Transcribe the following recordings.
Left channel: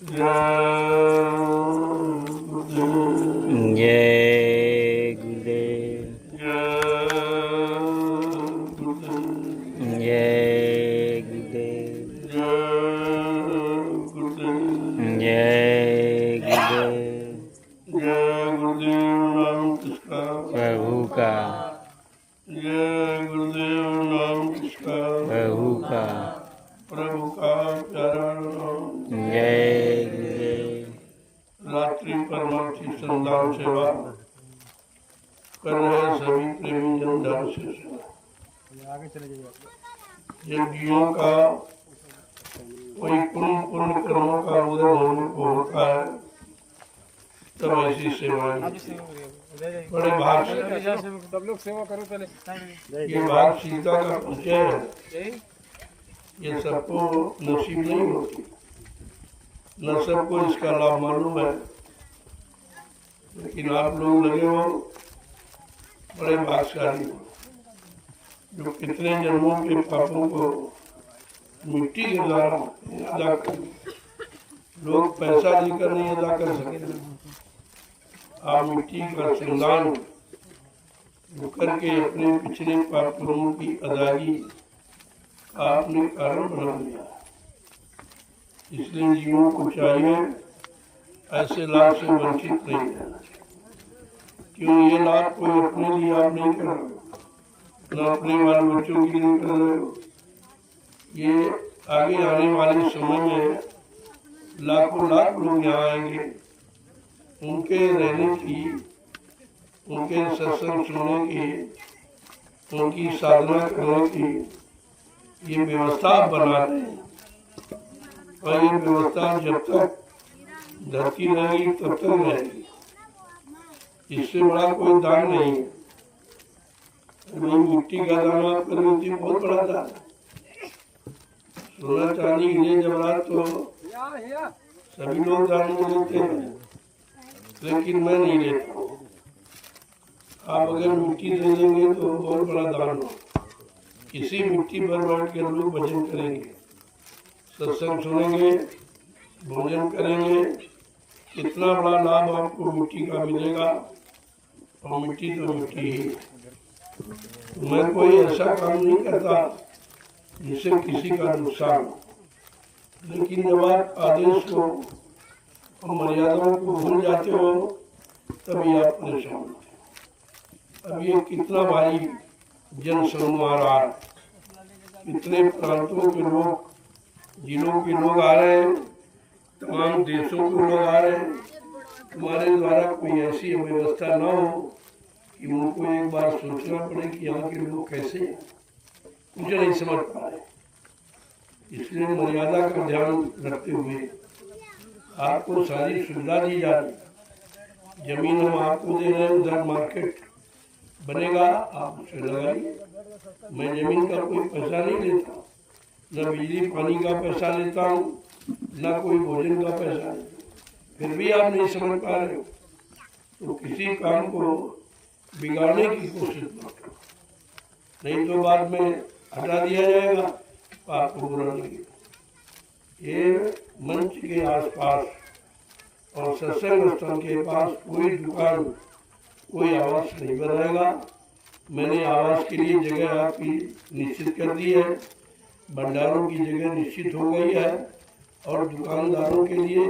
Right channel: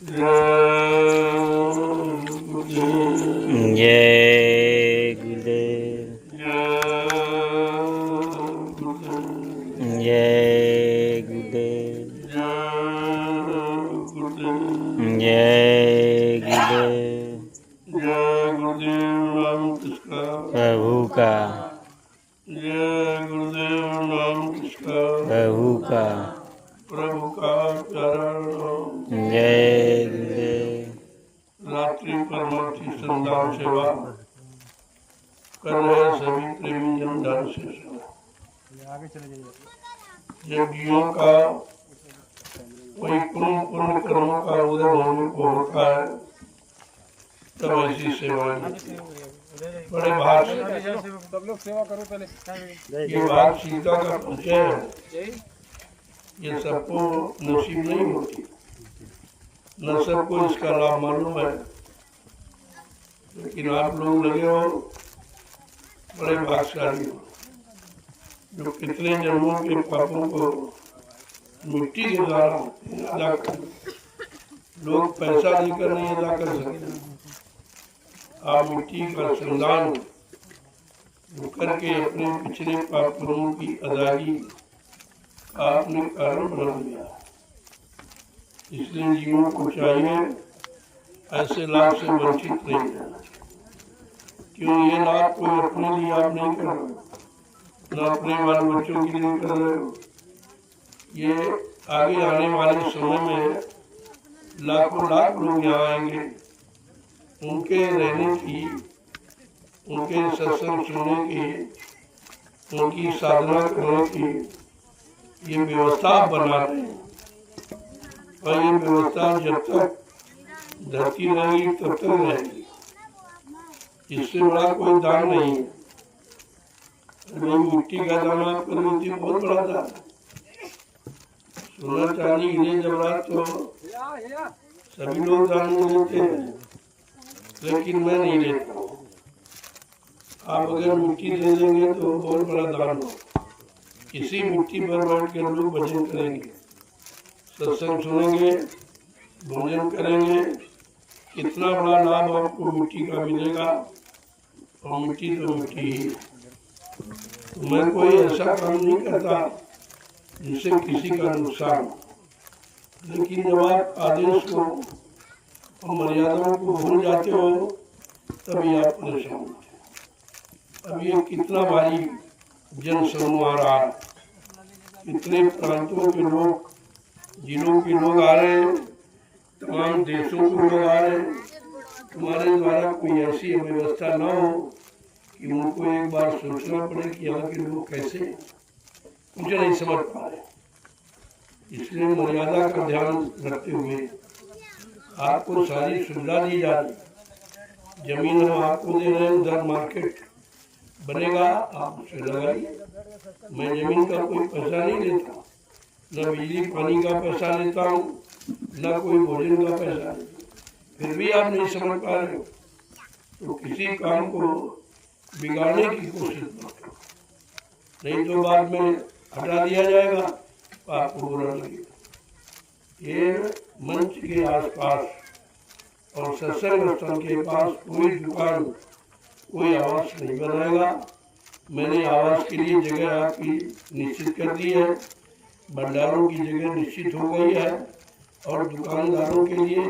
जय गुरुदेव। जय गुरुदेव। जय गुरुदेव। जय गुरुदेव। जय गुरुदेव नाम किसका? प्रभु का। जय गुरुदेव नाम किसका? प्रभु का। प्रभु का प्यारा नाम। जय गुरुदेव। रात्रि परमार्थी संदान सेवा कर रहे सभी प्रेमी जन ध्यान से जब जीवों का कोई पुण्य कर्मों का उदय होने को होता है तब ऐसी सेवाएं बड़े भाग से। सब लोग सेवा करो पहले। ये भागशीलता का परिचय है। ये सबको नसीब नहीं होती, न सबको इसका लाभ मालूम है, लेकिन आप लोग लगे हो बड़े भाग्यशाली हो जो कितने जन्मों के पापों को मिट्टी के द्वारा अदा कर। लोग पैसा देकर नहीं अदा कर सकते। आप मिट्टी का श्रमदान करके अपने पिछले पाप कर्मों की अदायगी आपने कारण बना दिया। इसलिए जीवों को चाहिए ऐसे लाभ से वंचित नहीं है। क्यों ये लाभ कोई अपने लिए आप नहीं कर रहे, न अपने बाल बच्चों के लिए कर रहे हो। ये आगे आने वाले समय में लाखों लाख लोग यहाँ आएंगे, उनके रहने की, उनके सत्संग सुनने की, उनकी साधना करने की ये व्यवस्था बना रहे हैं। और ये व्यवस्था जब तक धरती रहेगी तब तक रहेगी। इससे बड़ा कोई दान नहीं है। भाई मिट्टी का दाना प्रवृत्ति बहुत बड़ा दान है। सोना चांदी हीरे जवाहरात तो सभी लोग दान में लेते हैं, लेकिन मैं नहीं लेता हूँ। आप अगर मिट्टी दे देंगे तो बहुत बड़ा दान हो। इसी मिट्टी पर बैठ कर लोग भजन करेंगे, सत्संग सुनेंगे, भोजन करेंगे। कितना बड़ा लाभ आपको मिट्टी का मिलेगा। और मिट्टी तो मिट्टी ही है। तो मैं कोई ऐसा काम नहीं करता जिससे किसी का नुकसान हो, लेकिन जब आप आदेश को और मर्यादाओं को भूल जाते हो तभी आप परेशान होते हो। अब ये कितना भारी जन समूह आ रहा है, कितने प्रांतों के लोग, जिलों के लोग आ रहे हैं, तमाम देशों के लोग आ रहे हैं। तुम्हारे द्वारा कोई ऐसी व्यवस्था ना हो कि उनको एक बार सोचना पड़े कि यहाँ के लोग कैसे कुछ नहीं समझ पा रहे। इसलिए मर्यादा का ध्यान रखते हुए आपको सारी सुविधा दी जा रही। जमीन हम आपको दे रहे हैं, उधर मार्केट बनेगा, आप उसे लगाइए। मैं जमीन का कोई पैसा नहीं लेता, न बिजली पानी का पैसा लेता हूँ, न कोई भोजन का पैसा लेता। फिर भी आप नहीं समझ पा रहे हो तो किसी काम को बिगाड़ने की कोशिश मत करो, नहीं तो बाद में हटा दिया जाएगा तो आपको बुरा लगेगा। ये मंच के आसपास और सत्संग स्थल के पास कोई दुकान, कोई आवास नहीं बनाएगा। मैंने आवास के लिए जगह आपकी निश्चित कर दी है, भंडारों की जगह निश्चित हो गई है, और दुकानदारों के लिए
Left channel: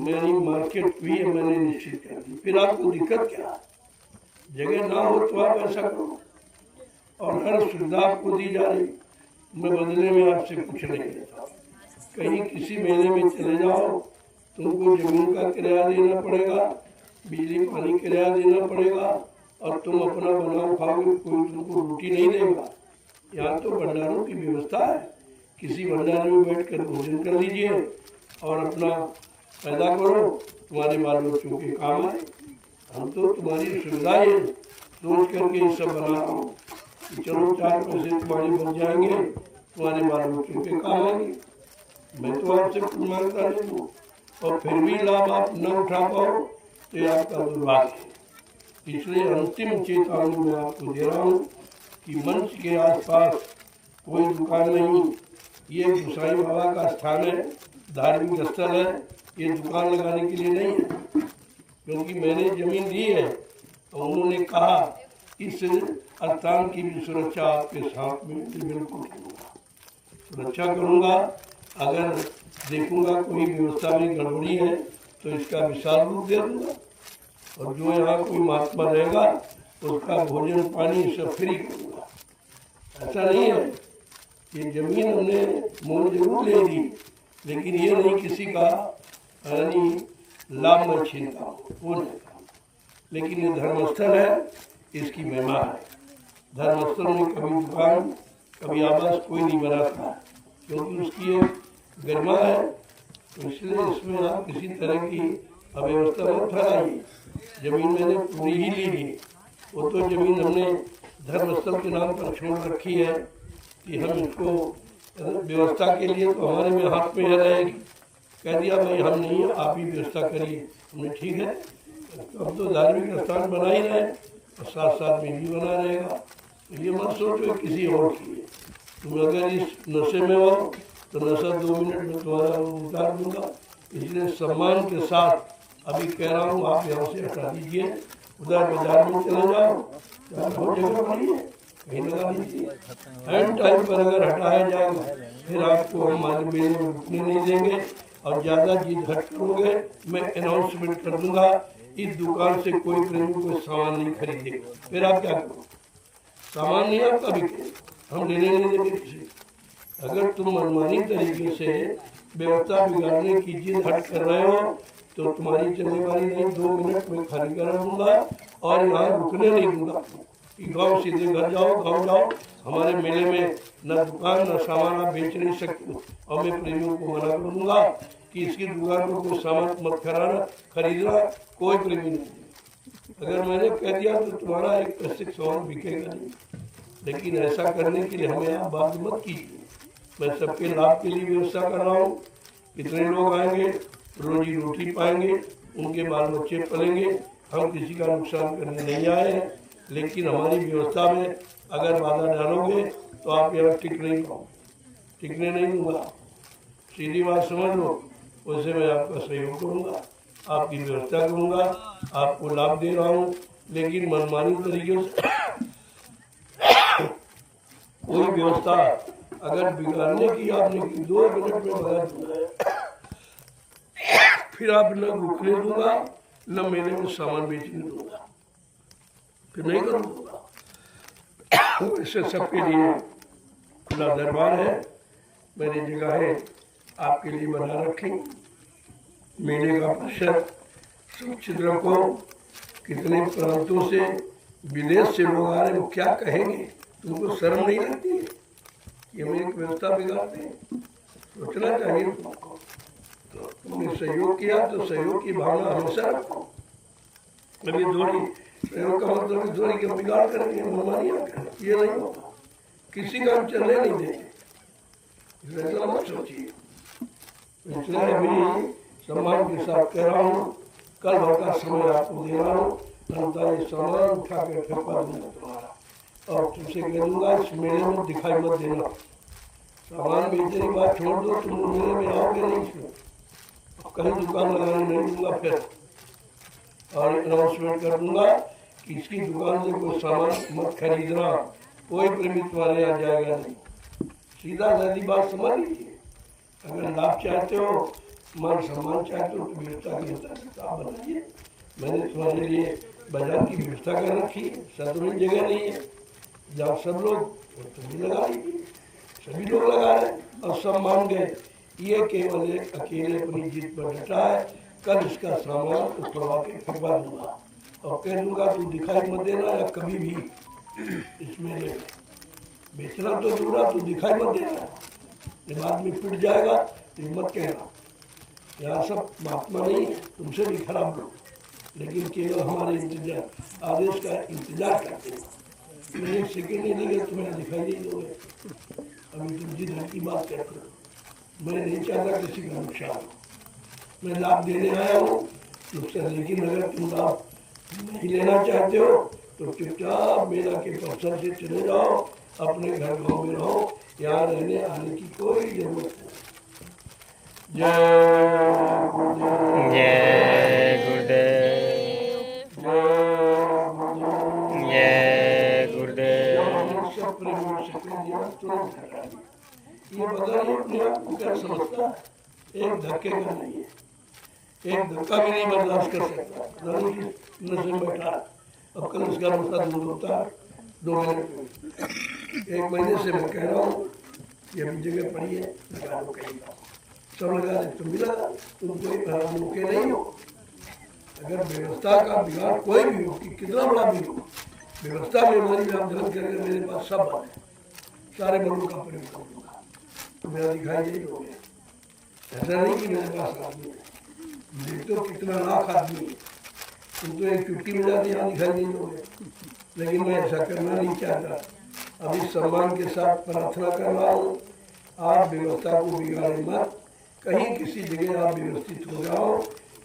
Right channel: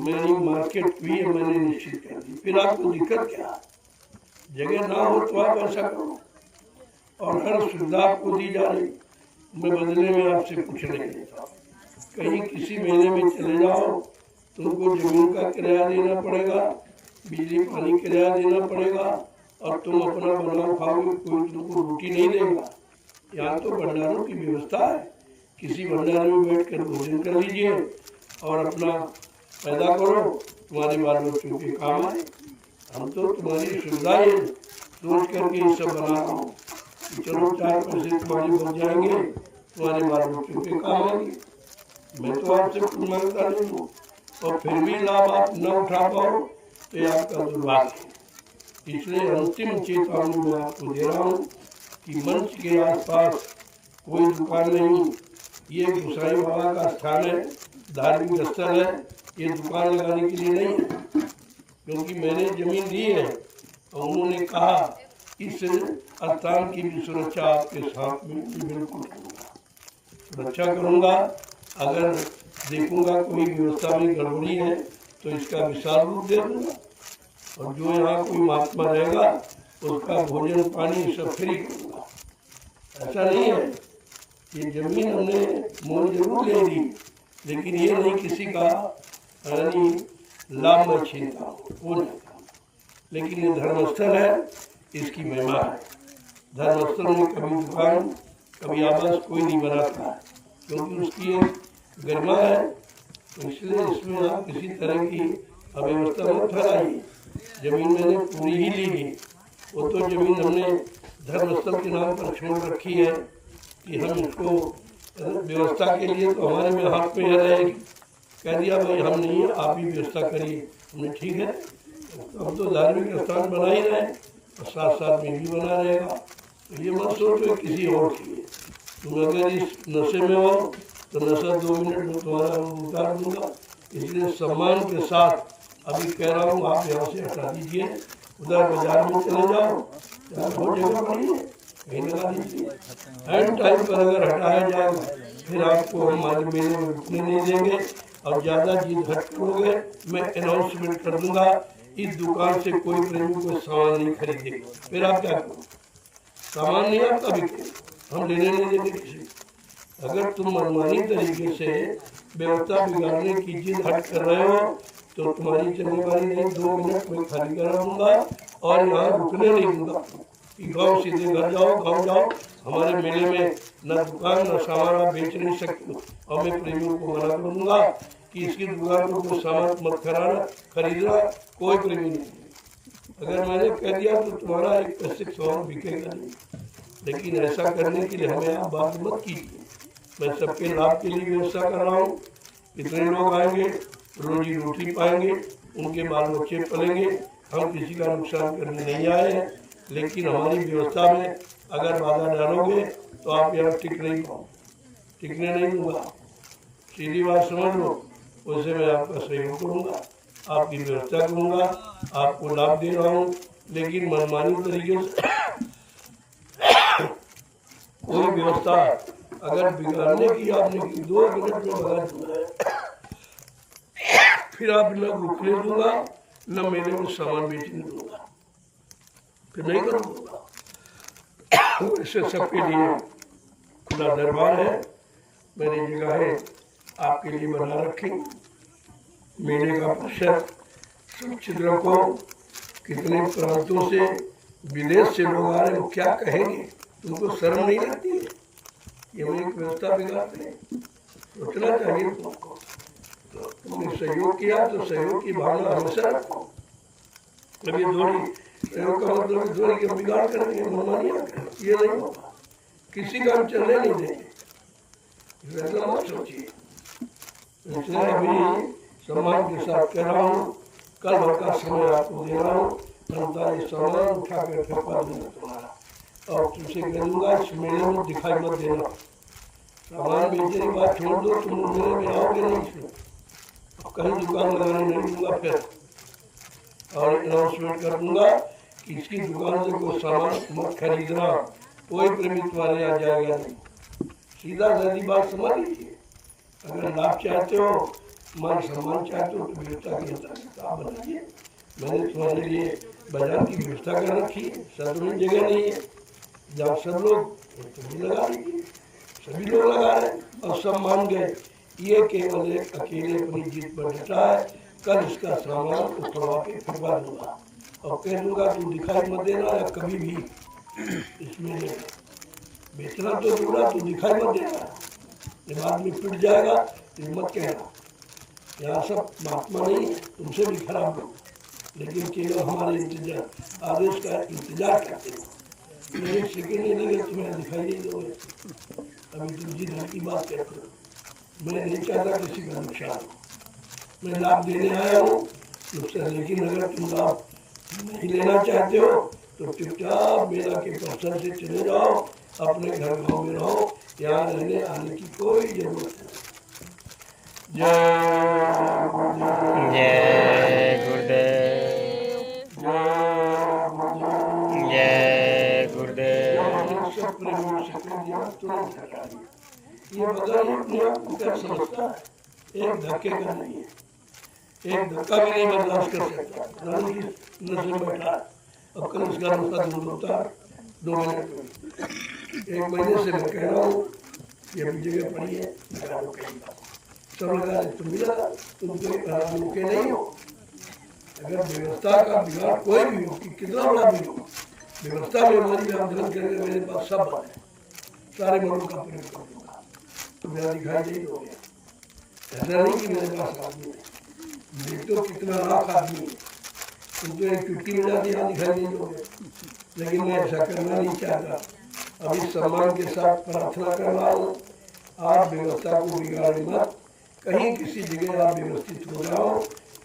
मेरी मार्केट भी मैंने निश्चित कर दी। फिर आपको दिक्कत क्या? जगह ना हो तो आप ऐसा करो, और हर सुविधा आपको दी जा रही। मैं बदले में आपसे कुछ नहीं लेता। कहीं किसी मेले में चले जाओ, तुमको जमीन का किराया देना पड़ेगा, बिजली पानी किराया देना पड़ेगा, और तुम अपना बनाओ खाओगे, कोई तुमको रोटी नहीं देगा। यहाँ तो भंडारों की व्यवस्था है। किसी भंडारे में बैठकर भोजन कर लीजिए और अपना पैदा करो, तुम्हारे बाल बच्चों के काम आए। हम तो तुम्हारी सुविधा ये सोच करके ये सब बना रहा हूँ कि चलो 4 पैसे तुम्हारे बन जाएंगे, तुम्हारे बाल बच्चों के काम आएंगे। मैं तो आपसे कुछ मांगता नहीं हूँ, और फिर भी लाभ आप न उठा पाओ तो ये आपका दुर्भाग्य है। इसलिए अंतिम चेतावनी मैं आपको दे रहा हूँ कि मंच के आसपास कोई दुकान नहीं। ये गोसाई बाबा का स्थान है, धार्मिक स्थल है। ये दुकान लगाने के लिए नहीं है, क्योंकि मैंने जमीन दी है और उन्होंने कहा इस स्थान की भी सुरक्षा आपके साथ में बिल्कुल करूँगा, सुरक्षा करूँगा। अगर देखूँगा कोई व्यवस्था में गड़बड़ी है तो इसका विशाल रूप दे दूँगा, और जो यहाँ कोई महात्मा रहेगा उसका भोजन पानी सब फ्री करूँगा। ऐसा नहीं है, ये जमीन हमने मोल जरूर ले ली, लेकिन ये नहीं किसी का यानी लाभ मैं छीनता हूँ, वो नहीं। लेकिन ये धर्मस्थल है, इसकी महिमा है। धर्मस्थल में कभी दुकान कभी आवास कोई नहीं बनाता है, क्योंकि उसकी एक गरिमा है। तो इसलिए इसमें आप किसी तरह की अव्यवस्था मत फैलाइए। जमीन मैंने पूरी ही ली है, वो तो जमीन हमने धर्मस्थल के नाम पर छोड़ रखी है कि हम इसको व्यवस्था के लिए तो हमारे में हाथ में रहेगी। कह दिया भाई हम नहीं है, आप ही व्यवस्था करिए। हमने ठीक है, अब तो धार्मिक स्थान बना ही रहे और साथ साथ में भी बना रहेगा। तो ये मत सोचो किसी और की है। तुम अगर इस नशे में हो तो नशा 2 मिनट में तुम्हारा उतार दूंगा। इसलिए सम्मान के साथ अभी कह रहा हूँ, आप यहाँ से हटा दीजिए, उधर बाजार में चले जाओ, बहुत जगह पड़ी है, कहीं लगा दीजिए। एंड टाइम पर अगर हटाया जाएगा फिर आपको हमारे मेले में रुकने नहीं देंगे, और ज़्यादा जिद हट करोगे मैं अनाउंसमेंट कर दूंगा, इस दुकान से कोई प्रेमी कोई सामान नहीं खरीदेगा। फिर आप क्या करोगे? सामान नहीं आपका बिके, हम लेने नहीं देंगे किसी। अगर तुम मनमानी तरीके से व्यवस्था बिगाड़ने की जिद हट कर रहे हो तो तुम्हारी चलने वाली नहीं। 2 मिनट में खाली करा दूंगा और यहाँ रुकने नहीं दूंगा कि गांव सीधे घर जाओ, गांव जाओ। हमारे मेले में न दुकान न सामान आप बेच नहीं सकते, और मैं प्रेमियों को मना कर दूंगा कि इसकी दुकान में कोई सामान मत खरीदना, कोई प्रेमी नहीं। अगर मैंने कह दिया तो तुम्हारा एक पैसे का सामान बिकेगा नहीं। लेकिन ऐसा करने के लिए हमें आप बात मत कीजिए। मैं सबके लाभ के लिए व्यवस्था कर रहा हूँ। कितने लोग आएंगे, रोजी रोटी पाएंगे, उनके बाल बच्चे पलेंगे। हम किसी का नुकसान करने नहीं आए हैं, लेकिन हमारी व्यवस्था में अगर बाधा डालोगे तो आप यहाँ टिकने नहीं दूंगा। सीधी बात समझ लो। वैसे मैं आपका सहयोग करूँगा, आपकी व्यवस्था करूँगा, आपको लाभ दे रहा हूँ, लेकिन मनमानी तरीके से कोई व्यवस्था अगर बिगाड़ने की आपने की 2 मिनट में भगा दूंगा, फिर आप न रुकने दूंगा न मेले में सामान बेचने दूंगा, फिर नहीं करूँगा। वैसे सबके लिए खुला दरबार है, मेरी जगह है आपके लिए बना रखें। मेले का परिसर सुरक्षित रखो। कितने प्रांतों से विदेश से लोग आ रहे हैं, वो क्या कहेंगे? तुमको शर्म नहीं लगती है? ये हम एक व्यवस्था बिगाड़ते हैं, सोचना चाहिए तुमको। तो तुमने सहयोग किया तो सहयोग की भावना हमेशा रखो। अभी थोड़ी सहयोग का मतलब थोड़ी कि बिगाड़ करेंगे, मनमानियाँ करेंगे, ये नहीं होगा। किसी का हम चलने नहीं देंगे, ऐसा मत सोचिए। इसलिए अभी सम्मान के साथ कह रहा हूँ, कल भर का समय आपको दे रहा हूँ, अंतर ये सामान उठा कर फेंका दूंगा तुम्हारा, और तुमसे कह दूंगा इस मेले में दिखाई मत देना। सामान बेचने की बात छोड़ दो, तुम मेले में आओगे नहीं, इसमें कहीं दुकान लगाने नहीं दूंगा फिर। और अनाउंसमेंट कर दूंगा कि इसकी दुकान से कोई सामान मत खरीदना, कोई प्रेमी तुम्हारे यहाँ जाएगा नहीं। सीधा सीधी बात समझ लीजिए। अगर लाभ चाहते हो, मान सम्मान चाहते हो, तो व्यवस्था की किताब बनाइए। मैंने तुम्हारे लिए बाजार की व्यवस्था कर रखी है, सार्वजनिक जगह नहीं है जहाँ सब लोग, तुम भी लगा लीजिए। सभी लोग लगा रहे और सब मान गए। ये केवल एक अकेले अपनी जीत पर डटा है। कल इसका सामान उखड़वा के फेंकवा दूंगा और कह दूंगा तू दिखाई मत देना, या कभी भी इसमें बेचना तो दूरा, तू दिखाई मत देना। बाद में पिट जाएगा तो मत कहना। यहाँ सब महात्मा नहीं है, तुमसे भी खराब लोग, लेकिन केवल हमारे इंतजार आदेश का इंतजार करते हो। एक सेकेंड नहीं लगे तुम्हें दिखाई नहीं दोगे। अभी तुम जिद की बात करते हो, मैं नहीं चाहता किसी का नुकसान। मैं लाभ देने आया हूँ नुकसान, लेकिन अगर तुम लाभ नहीं लेना चाहते हो तो चुपचाप मेला के परिसर से चले जाओ, अपने घर गाँव में रहो। यहाँ रहने आने की कोई जरूरत नहीं। जय गुरुदेव, जय गुरुदेव, जय गुरुदेव। जय गुरुदेव। जब सब प्रेमी से कह दिया तुरंत हटा दिया। ये बदल ये अपने आप को क्या समझता है, एक धक्के का नहीं है, एक धक्का भी नहीं बर्दाश्त कर सकता। पता नहीं किस नशे में बैठा है। अब कल इसका नशा दूर होता है 2 मिनट में। 1 महीने से मैं कह रहा हूँ ये अपनी जगह पड़ी है, लगा लो कहीं बात सब लगा दे। तुम भी लगा, तुम कोई रुके नहीं हो। अगर व्यवस्था का बिगाड़ कोई भी हो कि कितना बड़ा भी हो, व्यवस्था में हमारी व्यापधन करेगा। मेरे पास सब बल है, सारे बलों का प्रयोग कर दूंगा, तो मेरा दिखाई नहीं दोगे। ऐसा नहीं कि मेरे पास आदमी है, देख तो कितना लाख आदमी है, तुम तो एक चुटकी में जाके यहाँ दिखाई नहीं दोगे। लेकिन मैं ऐसा करना नहीं चाहता। अभी सम्मान के साथ प्रार्थना कर रहा हूँ, आप व्यवस्था को बिगाड़े मत। कहीं किसी जगह आप व्यवस्थित हो जाओ।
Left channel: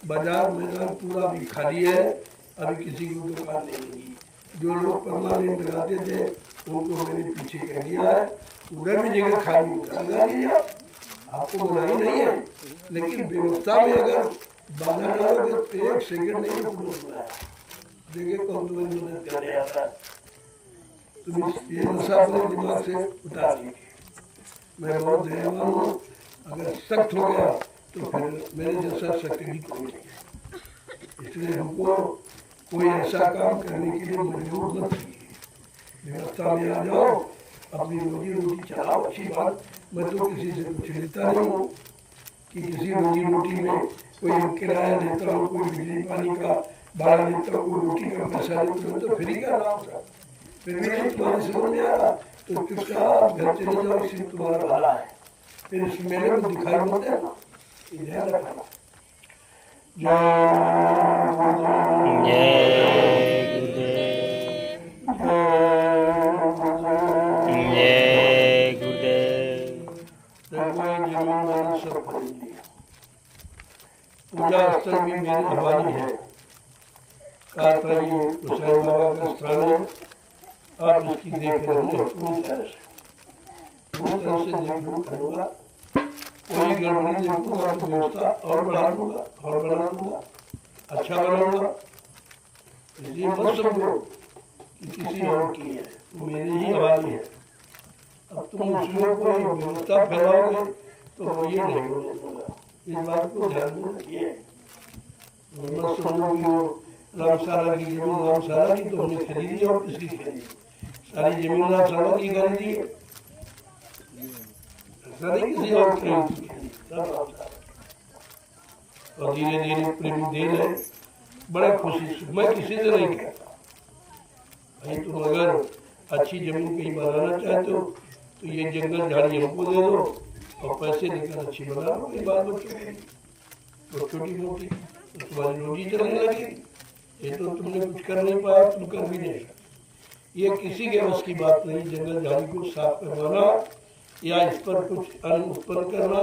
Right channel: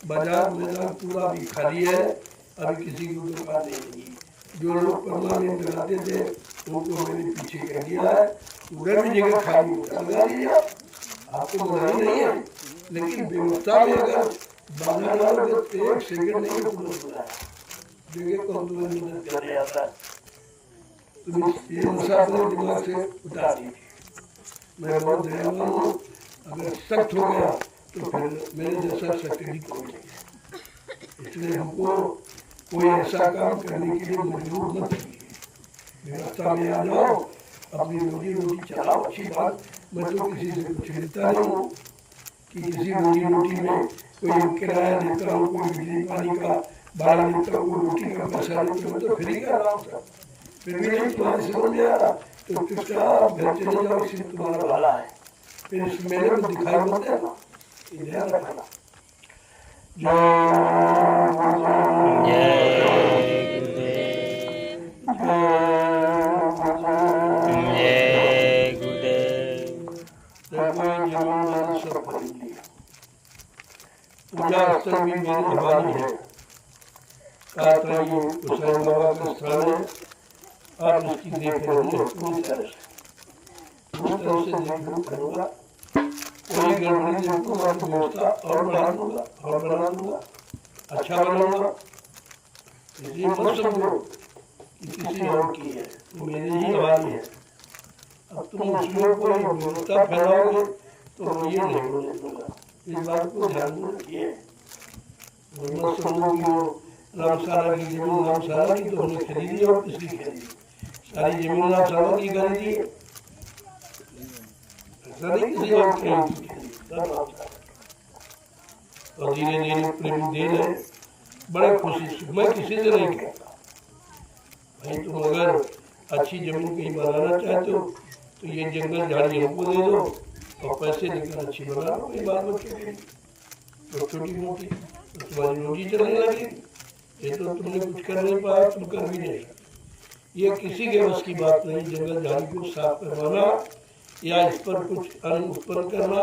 बाजार मैदान पूरा भी खाली है, अभी किसी को दुकान नहीं लगी। जो लोग परमानेंट लगाते थे उनको मैंने पीछे कह दिया है, उधर भी जगह खाली लगा लीजिए। आपको मनाही नहीं है, लेकिन व्यवस्था में अगर बाधा डालोगे तो 1 सेकंड नहीं रुकना है। देखिए कौन तुम्हें मदद करने आता है। तुम ये नशा अपने दिमाग से उतार दीजिए। मैं बहुत दयावान हूँ, अगर सख्त हो गया तो फिर मेरे जैसा सख्त भी कोई नहीं। इसलिए हमको कोई ऐसा काम करने के लिए मजबूर मत कीजिए। व्यवस्था में आ जाओ, अपनी रोजी रोटी चलाओ, अच्छी बात। मैं तो किसी से कुछ लेता नहीं हूँ कि किसी रोजी रोटी में कोई किराया लेता हूँ, कोई बिजली पानी का भाड़ा लेता हूँ, कोई रोटी का पैसा लेता हूँ, तो फ्री कर रहा हूँ सब। फिर भी नहीं तुम्हारी समझ में आ रहा तो चुपचाप घर चले जाओ, इसलिए तुम्हारा भला है। फिर इस मेले में दिखाई मत देना, ध्यान रखना। जय जय गुरुदेव। देखो ये जमीन मैंने सब खरीद लिया। पूजा स्थल भी मेरे हवाले है। कातरा ये गोसाई बाबा का स्थान है। आप इसकी देख रहे पूरी तरह से देख करूँगा। कोई गड़बड़ी देखूंगा तो व्यवस्था और बढ़ा दूंगा और बना दूंगा, अच्छा बनाऊंगा। इसलिए मत समझो कि किसी और की है, वो मेरे ही हवाले है। अब तुम उसमें कोई व्यवस्था फैलाओगे तो ये नहीं होने दूंगा। इस बात को ध्यान में रखिए। मत समझो कि वो रामशाला की जमीन रामशाला की तो हमने खरीदी और किसकी खरीदी, सारी जमीन रामशाला की खरीदी है। ऐसा नहीं किसी और खरीदी, सब रामशाला। और धीरे धीरे प्रेमी दे रहे, बड़े खुशी से। मैं किसी से नहीं कहता भाई तुम अगर अच्छी जमीन कहीं बनाना चाहते हो तो ये जंगल झाड़ी हमको दे दो और पैसे लेकर अच्छी बना लो कोई बाल बच्चों के लिए, तो छोटी मोटी, तो तुम्हारी रोजी चलने लगेगी। ये तो तुमने कुछ कर नहीं पाया, तुम कर भी नहीं सकते। ये किसी के बस की बात नहीं। जंगल झाड़ी को साफ करवाना या इस पर कुछ अन्न उत्पन्न करना,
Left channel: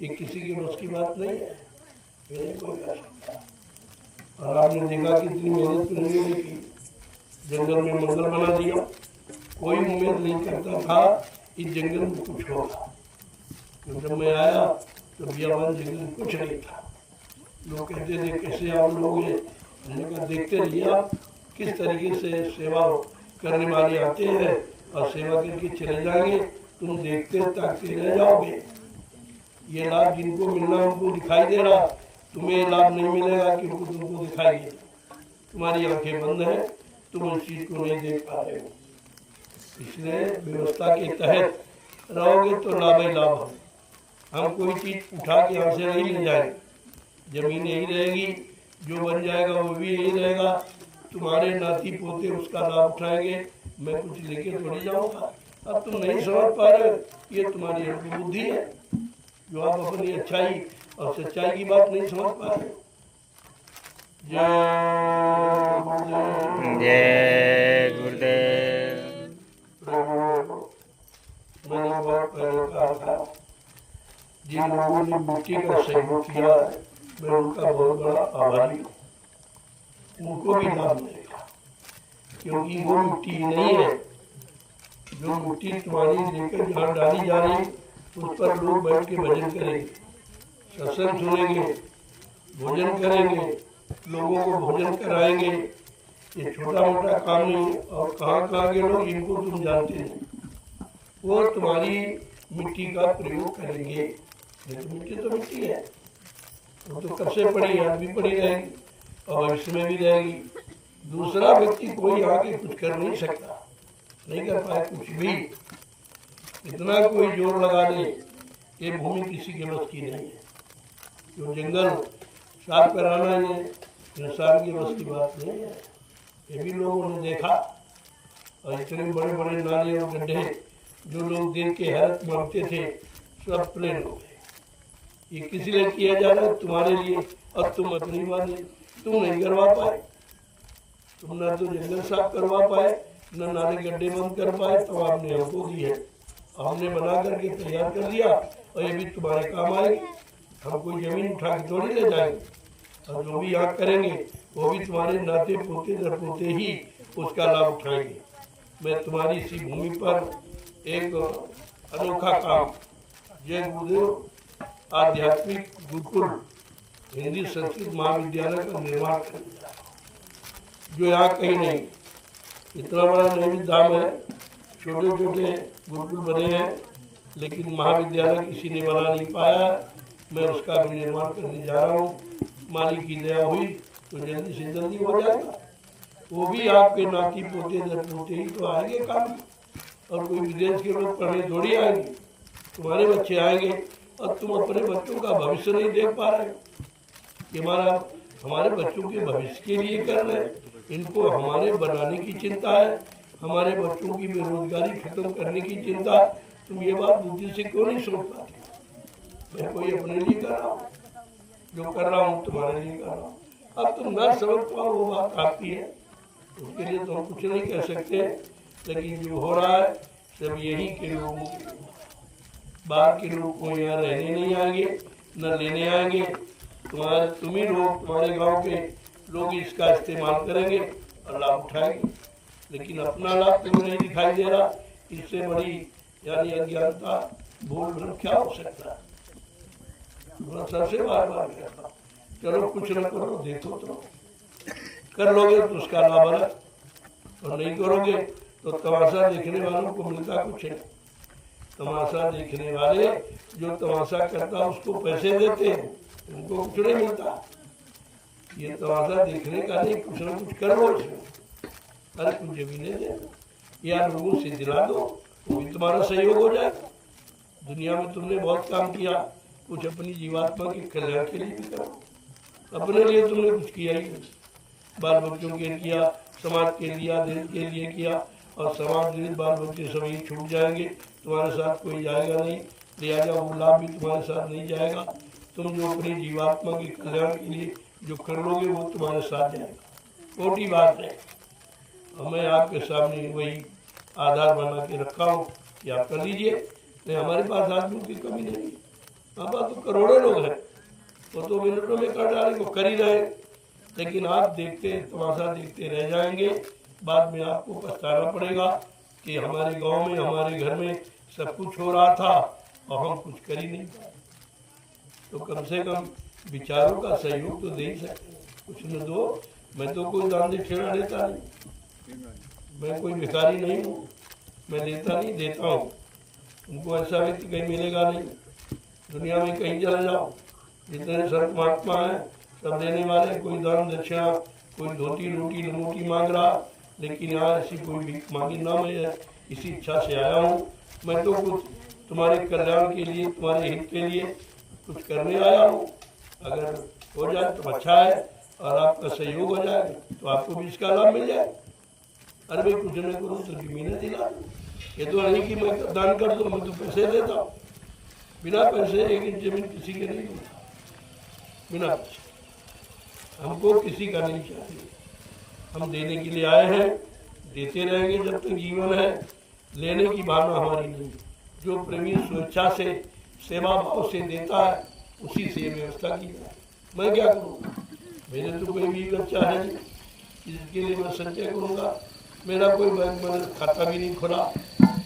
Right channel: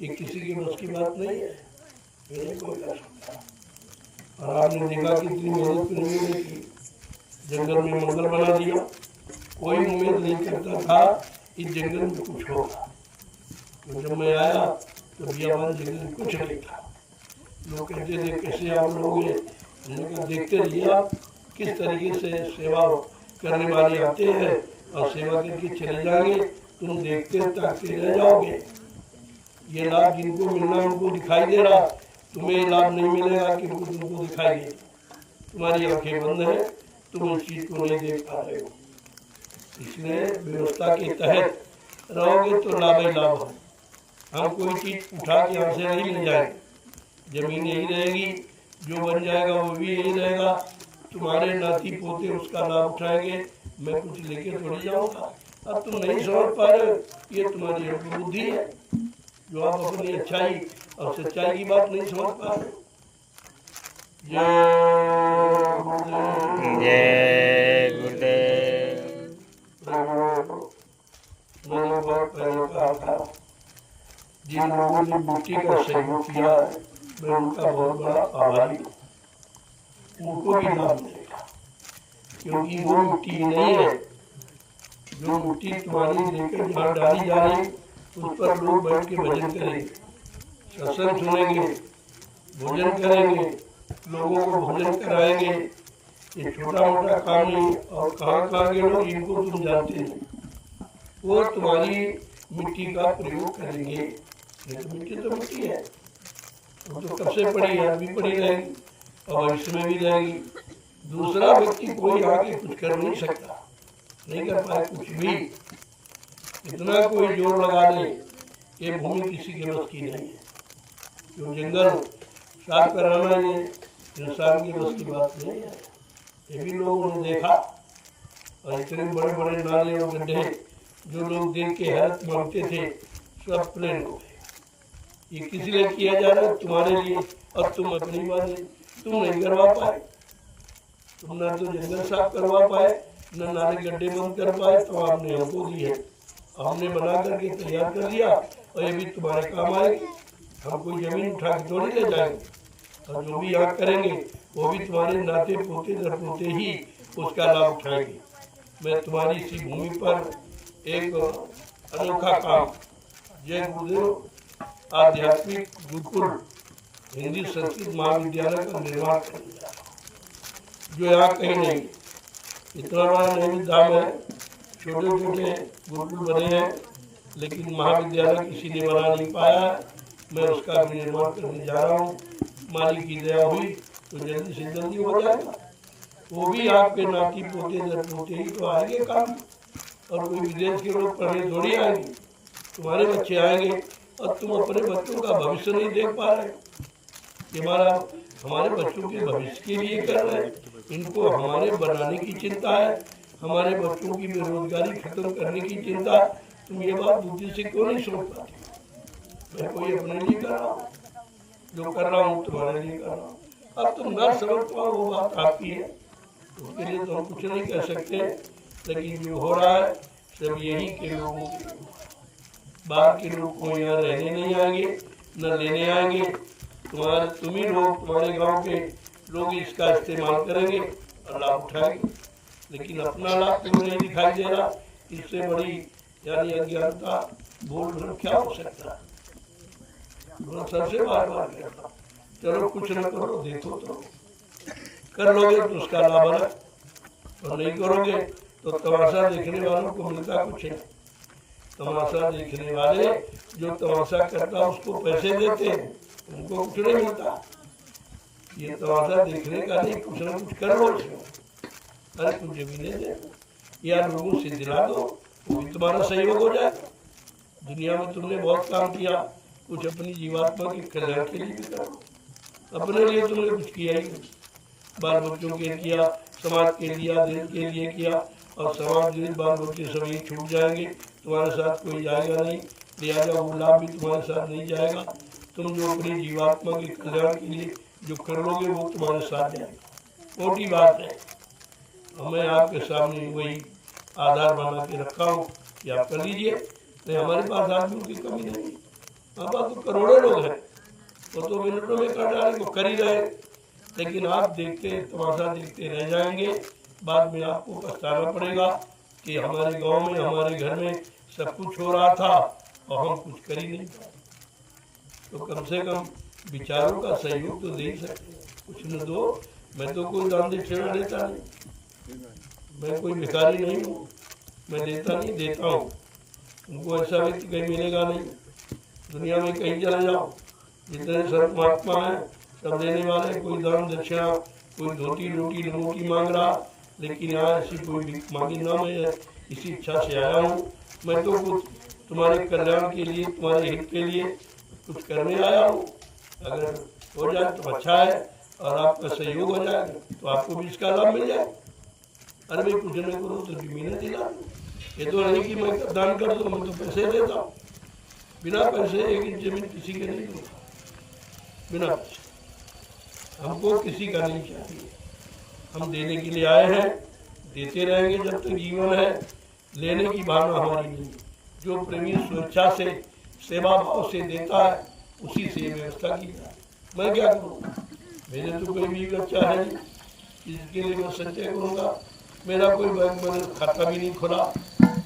ये किसी के बस की बात नहीं है, नहीं कोई कर सकता। और आपने देखा कितनी मेहनत प्रेमियों ने की, जंगल में मंगल बना दिया। कोई उम्मीद नहीं करता था इस जंगल में कुछ होगा। तो जब मैं आया तो बियाबान जंगल कुछ नहीं था। लोग कहते थे कैसे आप लोग, मैंने कहा देखते रहिए आप किस तरीके से सेवा करने वाले आते हैं और सेवा करके चले जाएंगे। तुम देखते ताकते रह जाओगे। ये लाभ जिनको मिलना उनको दिखाई दे रहा, तुम्हें लाभ नहीं मिलेगा क्योंकि तुमको दिखाई दे, तुम्हारी आंखें बंद है, तुम इस चीज़ को नहीं देख पा रहे हो। इसलिए व्यवस्था के तहत रहोगे तो लाभ ही लाभ हो। हम कोई चीज़ उठा के यहाँ से नहीं ले जाएंगे, जमीन यही रहेगी, जो बन जाएगा वो भी यही रहेगा। तुम्हारे नाती पोते उसका लाभ उठाएंगे, मैं कुछ लेके थोड़ी जाऊँगा। अब तुम नहीं समझ पा रहे हो, ये तुम्हारी अल्पबुद्धि है, जो आप अपनी अच्छाई और सच्चाई की बात नहीं समझ पा रहे। जय गुरुदेव। जय गुरुदेव। मैंने बहुत पहले कहा था, जिन लोगों ने मिट्टी का सहयोग किया मैं उनका बहुत बड़ा आभारी हूँ। उनको भी लाभ मिलेगा, क्योंकि वो मिट्टी नहीं है जो मिट्टी तुम्हारी लेकर जहाँ डाली जा रही उस पर लोग बैठ के भजन करेंगे। सत्संग सुनेंगे, भोजन करेंगे, लोगों को भोजन कराएंगे। ये छोटा मोटा काम नहीं। और कहाँ कहाँ के लोग, इनको तुम जानते नहीं, वो तुम्हारी मिट्टी का प्रयोग करेंगे। ये तो मिट्टी है, वो तो कब से पड़ी है, आज भी पड़ी रहेगी और भविष्य में भी रहेगी। दूसरा व्यक्ति कोई आके कुछ कर नहीं सकता, नहीं कर पाए कुछ भी। इतना कोई जोर लगा दे, ये भूमि किसी के बस की नहीं है। जो जंगल साफ कराना ये इंसान के बस की बात नहीं है। ये भी लोगों ने देखा। और इतने बड़े बड़े नाले और गड्ढे जो लोग देख के हैरत मानते थे, सब प्लेन हो गए। ये किसी लिए किया जा रहा है? तुम्हारे लिए। और तुम अपनी बात तुम नहीं करवा पाए। तुम ना तो जंगल साफ करवा पाए, न नाले गड्ढे बंद कर पाए, तो आपने हमको दी है, हमने बना करके तैयार कर दिया और ये भी तुम्हारे काम आएगी। हम कोई जमीन उठा के थोड़ी ले जाएंगे, और जो भी यहाँ करेंगे वो भी तुम्हारे नाते पोते दर पोते ही उसका लाभ उठाएंगे। मैं तुम्हारी इसी भूमि पर एक अनोखा काम, जय गुरुदेव आध्यात्मिक गुरुकुल हिंदी संस्कृत महाविद्यालय का निर्माण करने जा रहा हूं, जो यहाँ कहीं नहीं। इतना बड़ा नहीं धाम है, छोटे छोटे गुरुकुल बने हैं, लेकिन महाविद्यालय किसी ने बना नहीं पाया है। मैं उसका भी निर्माण करने जा रहा हूँ। मालिक की दया हुई तो जल्दी से जल्दी हो जाएगा। वो भी आपके नाती पोते दर पोते ही तो आएंगे काम। और कोई विदेश के लोग पढ़ने थोड़ी आएंगे, तुम्हारे बच्चे आएंगे। और तुम अपने बच्चों का भविष्य नहीं देख पा रहे हो कि हमारे बच्चों के भविष्य के लिए कर रहे हैं। इनको हमारे बनाने की चिंता है, हमारे बच्चों की बेरोजगारी खत्म करने की चिंता। तुम ये बात बुद्धि से क्यों नहीं सोच पाते? मैं कोई अपने लिए कर रहा हूँ, जो कर रहा हूँ तुम्हारे लिए कर रहा हूँ। अब तुम ना समझ पाओ वो बात आपकी है, उसके लिए तो हम कुछ नहीं कर सकते। लेकिन जो हो रहा है सब यही के लोगों के, बाहर के लोग को यहाँ रहने नहीं आएंगे, न लेने आएंगे। तुम ही लोग, तुम्हारे गांव के लोग इसका इस्तेमाल करेंगे और लाभ उठाएंगे। लेकिन अपना लाभ तुम्हें नहीं दिखाई दे रहा। इससे बड़ी यानी अज्ञानता भूल भ्रम क्या हो सकता है? सबसे बार बार कहता हूँ, चलो कुछ न करो, देखो तो कर लोगे तो उसका लाभ अलग, और नहीं करोगे तो तमाशा देखने वालों को मिलता कुछ नहीं। तमाशा देखने वाले जो तमाशा करता उसको पैसे देते हैं, उनको कुछ नहीं मिलता। ये तमाशा देखने का नहीं, कुछ न कुछ कर लो इसमें। अरे कुछ जमीनें दे दो या लोगों से दिला दो, वो भी तुम्हारा सहयोग हो जाएगा। दुनिया में तुमने बहुत काम किया, कुछ अपनी जीवात्मा के कल्याण के लिए भी करो। अपने लिए तुमने कुछ किया ही नहीं, बाल बच्चों के लिए किया, समाज के लिए, देश के लिए किया। और समाज देश बाल बच्चे सभी छूट जाएंगे, तुम्हारे साथ कोई जाएगा नहीं। लिहाजा वो लाभ भी तुम्हारे साथ नहीं जाएगा। तुम जो अपनी जीवात्मा के कल्याण के लिए जो कर लोगे वो तुम्हारे साथ जाएगा। छोटी बात है, और मैं आपके सामने वही आधार बना के रखा हूँ कि आप कर लीजिए। नहीं, हमारे पास आदमियों की कमी नहीं है, हमारे पास तो करोड़ों लोग हैं, वो तो मिनटों में कर डालेंगे, वो कर ही रहे। लेकिन आप देखते तमाशा देखते रह जाएंगे, बाद में आपको पछताना पड़ेगा कि हमारे गांव में, हमारे घर में सब कुछ हो रहा था और हम कुछ कर ही नहीं पाए। तो कम से कम विचारों का सहयोग तो दे ही सकते, कुछ न दो। मैं तो कोई दान दक्षिणा लेता नहीं, मैं कोई भिखारी नहीं हूँ, मैं देता नहीं, देता हूँ। उनको ऐसा व्यक्ति कहीं मिलेगा नहीं। दुनिया में कहीं चले जाओ, जितने संत महात्मा हैं सब देने वाले, कोई दान दक्षिणा, कोई धोती रोटी लमोटी मांग रहा। लेकिन यहाँ ऐसी कोई भीख मांगी ना, मैं इसी इच्छा से आया हूँ। मैं तो कुछ तुम्हारे कल्याण के लिए, तुम्हारे हित के लिए कुछ करने आया हूँ। अगर हो जाए तो अच्छा है, और आपका सहयोग हो जाए तो आपको भी इसका लाभ मिल जाए। अरे भाई कुछ न करो तो जमीनें दिला दो। ये तो नहीं कि मैं दान कर दूँ, मैं तो पैसे देता हूँ। बिना पैसे एक इंच जमीन किसी के नहीं दूँगा, बिना पैसे। हमको किसी का नहीं चाहिए, हम देने के लिए आए हैं, देते रहेंगे जब तक जीवन है। लेने की भावना हमारी नहीं। जो प्रेमी स्वेच्छा से, सेवा भाव से देता है, उसी से व्यवस्था की जाए। मैं क्या करूँगा? मेरे तो कोई भी बच्चा है नहीं जिसके लिए मैं संचय करूँगा। मेरा कोई बैंक में खाता भी नहीं खुला,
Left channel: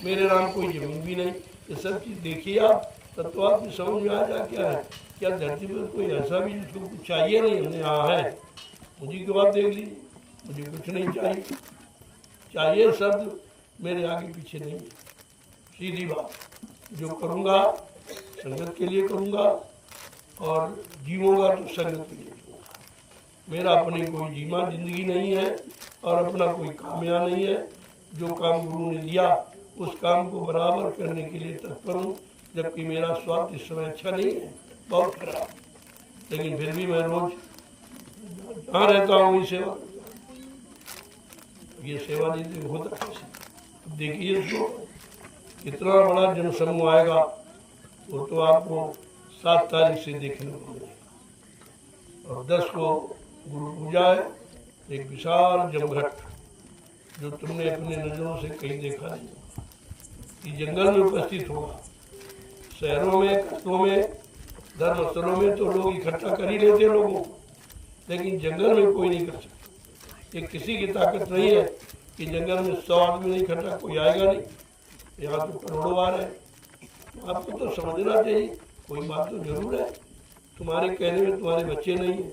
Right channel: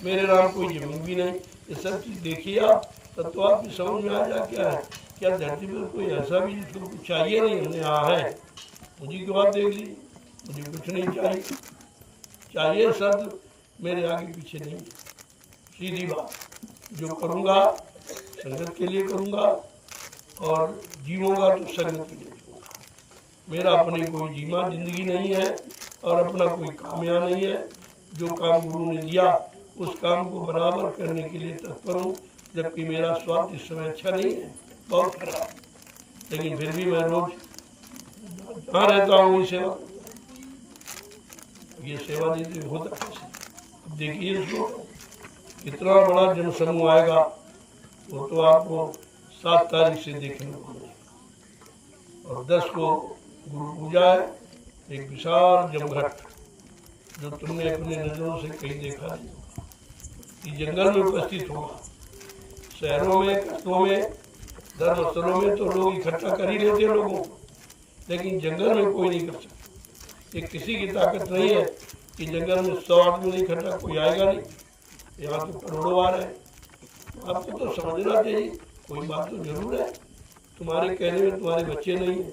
मेरे नाम कोई ज़मीन भी नहीं। ये सब चीज़ देखिए आप, तब तो आपकी समझ में आ जा क्या है क्या धरती पर कोई ऐसा भी जिसको कुछ चाहिए नहीं? हमने हाँ है, मुझे की बात देख लीजिए, मुझे कुछ नहीं चाहिए, चाहिए सब मेरे आगे पीछे नहीं है। सीधी बात, जो करूँगा संगत के लिए करूँगा और जीऊँगा तो संगत के लिए जीऊँगा। मेरा अपनी कोई जीमा जिंदगी नहीं है और अपना कोई काम यहाँ नहीं है। जो काम गुरु ने दिया उस काम को बराबर करने के लिए तत्पर हूँ, जबकि मेरा स्वास्थ्य इस समय अच्छा नहीं है, बहुत खराब, लेकिन फिर भी मैं रोज जहाँ रहता हूँ वही सेवा। ये सेवा नहीं तो होता कैसे? अब देखिए इसको, कितना बड़ा जनसमूह आएगा वो तो आपको 7 तारीख से देखने को मिलेगा। और 10 को गुरु पूजा है, एक विशाल जमघट जो तुमने अपने नज़रों से कहीं देखा नहीं होगा। ये जंगल में उपस्थित होगा। शहरों में, कस्बों में, धर्मस्थलों में तो लोग इकट्ठा कर ही लेते लोगों को, लेकिन जंगल में कोई नहीं कर सकता। ये किसी की ताकत नहीं है कि जंगल में 100 आदमी इकट्ठा कोई आएगा नहीं। यहाँ तो करोड़ों आ रहे हैं। तो आपको तो समझना चाहिए, कोई बात तो जरूर है। तुम्हारे कहने में तुम्हारे बच्चे नहीं है,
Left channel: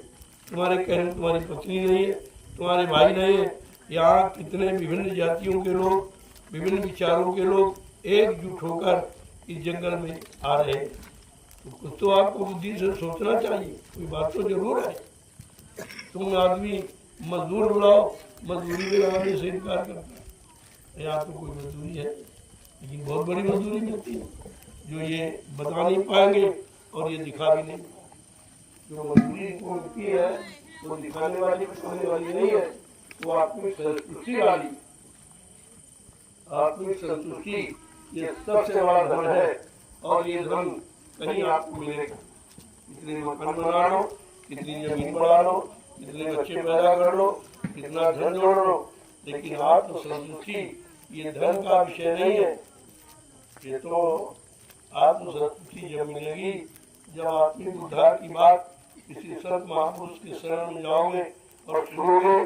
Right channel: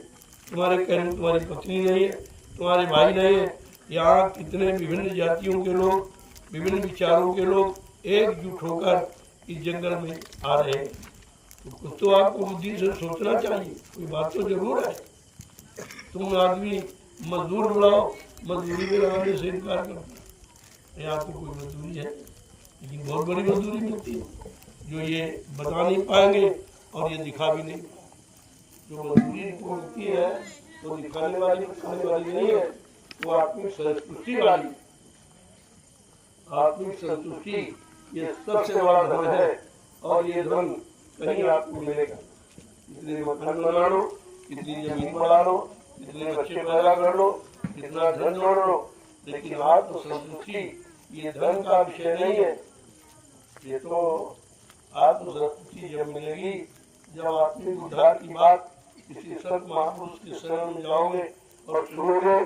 तुम्हारे कहने में तुम्हारी पत्नी नहीं है, तुम्हारे भाई नहीं है। यहाँ कितने विभिन्न जातियों के लोग, विभिन्न विचारों के लोग एकजुट होकर इस जंगल में आ रहे हैं। तो कुछ तो आपको बुद्धि से सोचना चाहिए, कोई बात तो जरूर है। तुम आदमी मजदूर बुलाओ, मजदूरी में लगाने से इनकार करता है। यहाँ तो कोई मजदूरी है, लेकिन बहुत बड़ी मजदूरी मिलती है जो ये बता नहीं पाएंगे और ये दिखा भी नहीं। जो मजदूरी को मिलती है वो दिखाने वाली नहीं है, वो आत्मिक संतुष्टि वाली। आत्मिक संतुष्टि ये सबसे बड़ा धन है और ये धन कहीं आपको मिलेगा। इतने मकान बना लो, इतनी जमीन बढ़ा लो, इतने बच्चे पैदा कर लो, इतना धन जोड़ लो, लेकिन आत्म संतुष्टि ये धन का विषय नहीं है। ये तो आत्म संतुष्टि जब मिलेगी जब आत्मिक उद्धार की बात किसी संत महापुरुष की शरण में जाओगे और सुनोगे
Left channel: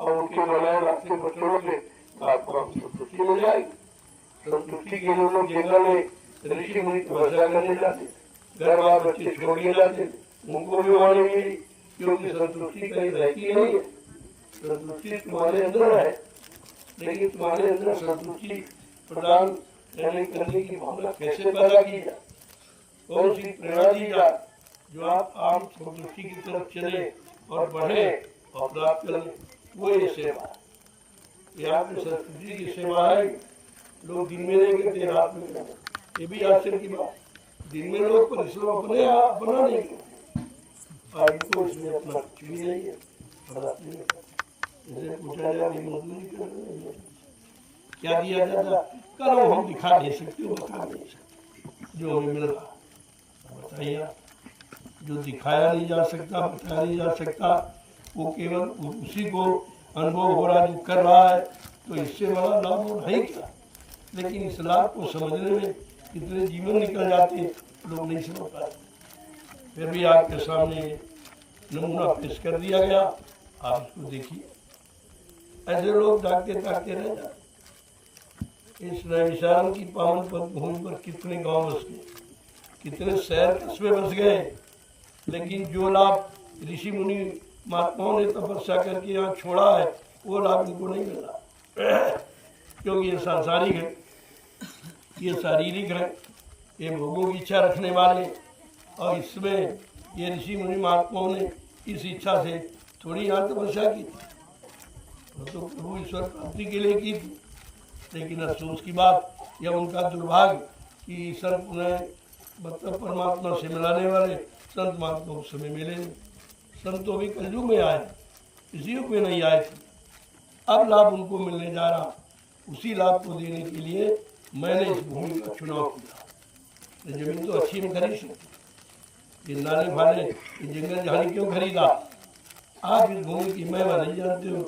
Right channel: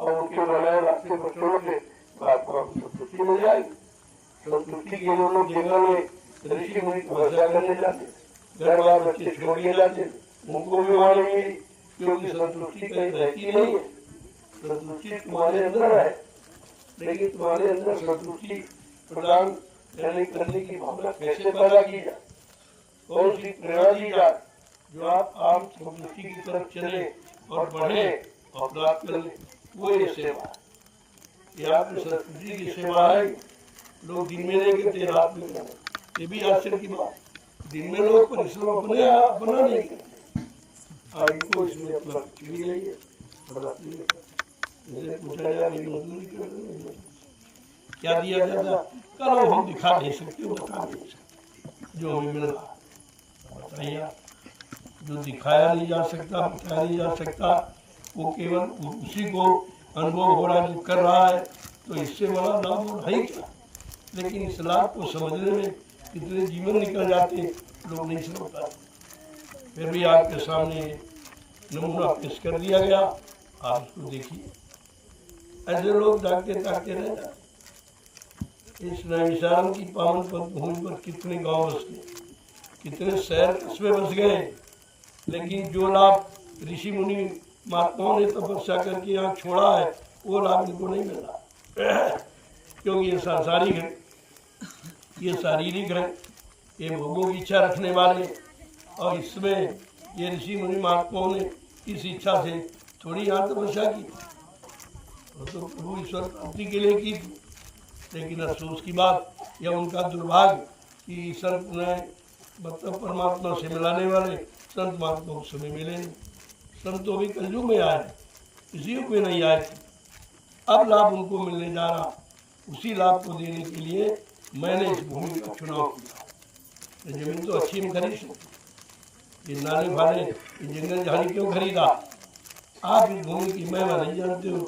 और उनके बनाए रास्ते पर चलोगे, आपको संतुष्टि मिल जाएगी। संतुष्टि के लिए लोग जंगल में ऋषि मुनि तपस्या करने जाते, घर बार बच्चे छोड़ के जाते, उनको भी वहाँ नहीं मिली, क्योंकि संतुष्टि कहीं रहती नहीं है। संतुष्टि तुम्हारे अंदर है, लेकिन तुम्हारे अंदर संतुष्टि प्रदान करने की भावना कैसे पैदा की जाए, कौन सी प्रेरणा दी जाए जो आप आम संतुष्टि की तरफ चले और बढ़े और प्राप्त कर ले, वो ये सेवा। यहाँ पे संस्कृति की सेवा है। लोग दिन में नहीं करते, रात में करते। ये भी आश्चर्य की बात, दिन में लोग परिश्रम अपना नहीं करते और इनको इसमें अपना कुछ भी नहीं है। इसे पूछा जाए मजदूरी कर क्या दिया जाता, करो हम दिखा नहीं सकते, बता नहीं सकते जो हमें मिल रहा। बताइए, जो दिखाया नहीं जा सकता, बताया नहीं जा सकता, वो केवल उसी को अनुभव हो रहा जो कर रहा है, तो इससे बड़ा लाभ और है क्या। लेकिन इस लाभ को समझने में कितने जीवन निकल जाते लोग नहीं समझ पाते। फिर भी आपके सामने नमूना पेश कर दिया गया, आप इसको देखिए। ऐसे लोग ताकते ताकते रह जाते। इस नैमिषारण्य की पावन भूमि पर कितने गांव बस गए, कितने शहर कस्बे बस गए, लेकिन जो लाभ ऋषि मुनि महात्माओं ने तपस्या करके यहाँ छोड़ा है वो लाभ इनको नहीं मिल रहा। क्योंकि ये सांसारिक है, ये शारीरिक है, ये भोगों की इच्छा रखने वाले, और इसमें ये ऋषि मुनि महात्माओं ने इस इच्छा से थोड़ी यहाँ तपस्या की थी, वो तो प्रभु ईश्वर प्राप्ति के लिए की थी। लेकिन अफसोस की बात या उनका दुर्भाग्य कि संत ने मतलब परमात्मा से मिलाने वाले संत महात्मा उस समय मिले नहीं। संत तो भी कलयुग में आए, इसी युग में नहीं आए थे। अब लाभ उनको मिलने जा रहा, उसी लाभ को देने के लिए मैंने इस भूमि का चुनाव किया। जमीन तो अच्छी में खरीद सकती, ये नाले फाले, ये जंगल झाड़ी क्यों खरीदा? आप इस भूमि की महिमा नहीं जानते हो।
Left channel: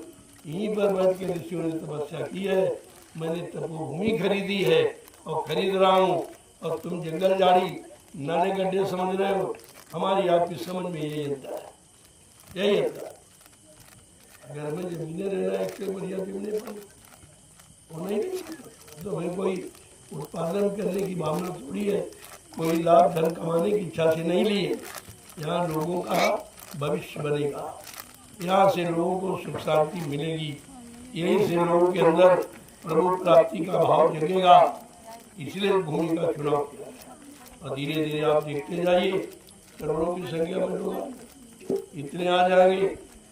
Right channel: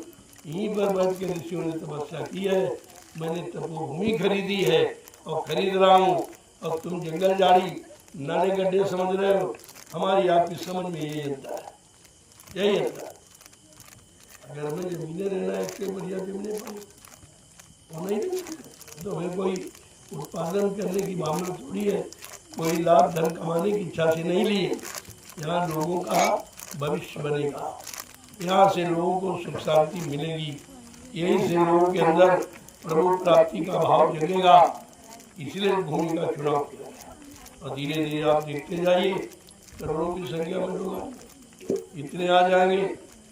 यहीं पर बैठ के ऋषियों ने तपस्या की है, मैंने तपोभूमि खरीदी है और खरीद रहा हूँ, और तुम जंगल झाड़ी नाले गड्ढे समझ रहे हो। हमारी आपकी समझ में यही अंतर है, यही अंतर। अगर हमें जमीनें रहना है, एक से बढ़िया जमीनें पाई वो नहीं दे सकते, तो हमें कोई उत्पादन करने की भावना थोड़ी है, कोई लाभ धन कमाने की इच्छा से नहीं ली है। यहाँ लोगों का भविष्य बनेगा, यहाँ से लोगों को सुख शांति मिलेगी, यहीं से लोगों के अंदर प्रभु प्राप्ति का भाव जगेगा। इसलिए भूमि का चुनाव किया गया और धीरे धीरे आप देखते जाइए करोड़ों की संख्या में लोग आएंगे, इतने आ जाएंगे।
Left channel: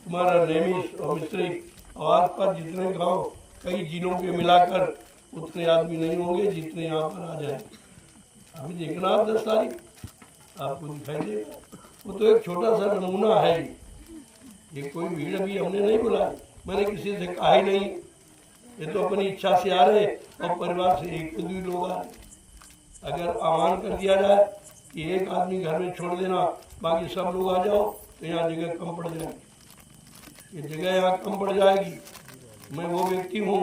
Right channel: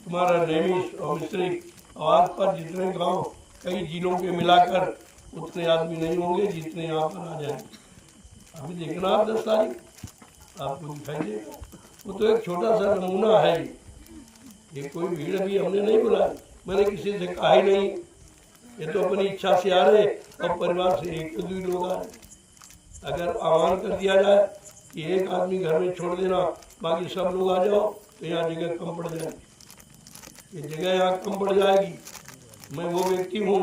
तुम्हारा नैमिष और मिश्रिक और आसपास जितने गांव कई जिलों के मिलाकर उतने आदमी नहीं होंगे जितने यहाँ पर आ जाएंगे। अभी देखना आप 10 तारीख आपको दिखाई देगा। वो तो एक छोटा सा नमूना है, ये कोई भीड़ अभी हमने नहीं बुलाई, मैंने किसी से कहा ही नहीं, ये तो अपनी इच्छा से आ रहे और परिवार से एक दो लोग आ रहे। अगर आह्वान कर दिया जाए कि एक आदमी घर में छोड़ देना बाकी सब लोग आ जाओ तो यहाँ जगह कम पड़ जाएगी, ये जगह यहाँ कम पड़ जाएगी। मैं वो व्यक्ति हूँ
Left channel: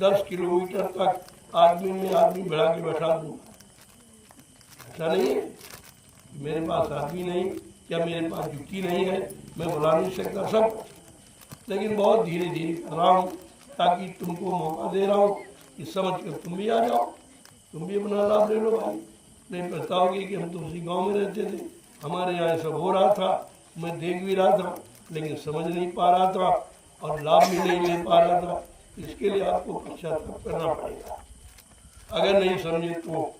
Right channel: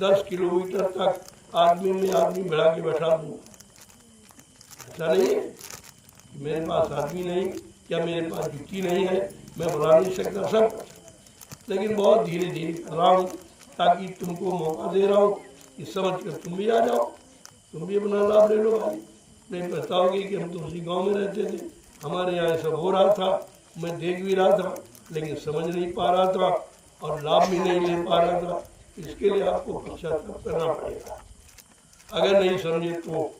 10 किलोमीटर तक आदमी में आदमी बढ़ा के बैठा दूंगा। ऐसा नहीं है कि मेरे पास आदमी नहीं या मेरे पास जुटी नहीं है, मैं बुला नहीं सकता सब, लेकिन बहुत धीरे धीरे कर रहा हूँ ताकि तुमको मौका दे रहा हूँ कि समझ कर तुम भी आ जाओ, तुम भी अपना लाभ ले लो भाई। नहीं बताओगे कि हम तो उसी गांव में रहते थे, हमारे यहाँ सब हो रहा था, मैं देख भी रहा था लेकिन समझ नहीं पा रहा था और लाभ भी नहीं ले पा रहा था। इसके लिए आपको पश्चाताप करना पड़ेगा। अगर नहीं समझे तो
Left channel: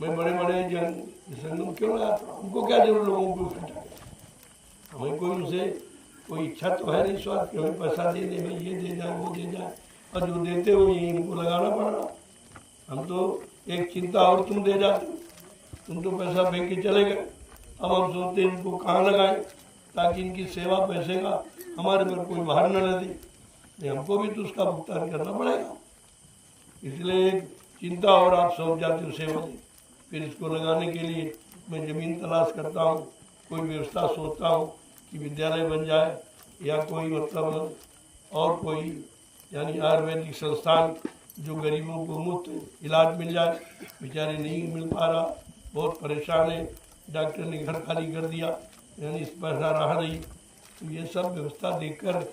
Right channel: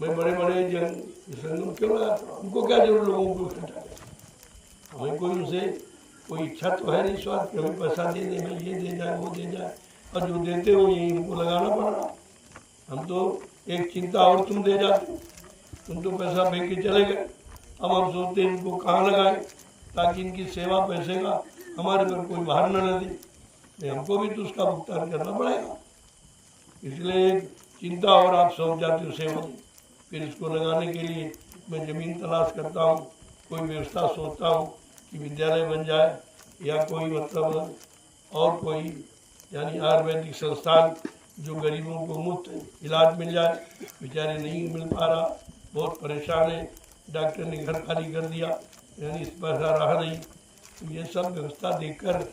मैं बड़े बड़े जन संगम क्यों लगाता हूँ, उनको क्या जरूरत लोगों को इकट्ठा करना। हमें कोई उनसे कोई इच्छा तो है नहीं स्वार्थ कि हमें पैसा दे दे, मैं ये दे जाए वो दे जाए, और जो देते हो यही उनको लगाना पड़ रहा। हम तो एक चिंता और तुम दे जाते, तुम तो पैसा फेंक के चले गए। अब हम सोचते हैं इनको कहाँ लगाएं ताकि इनकी सेवा पैसे का हमारे पर कोई भार न दे, नहीं हमको भी तो उसका भुगतान करना पड़ेगा। इसलिए एक चिंता और आप सौंप जाते हो सेवा से। फिर इसको लगाने के लिए मैं ज़मीन तलाश करता हूँ, कोई व्यवस्था सोचता हूँ कि विद्यालय बन जाए या कोई मतलब और कोई यानी आयुर्वेदिक संस्थान जो गरीबों को मुफ्त इलाज मिल जाए। बेचारे नहीं मिल पा रहा, बहुत परेशान है, डॉक्टर ने घर खाली कर दिया यानी इस पैसा रहा नहीं। तो ये सब व्यवस्था देखकर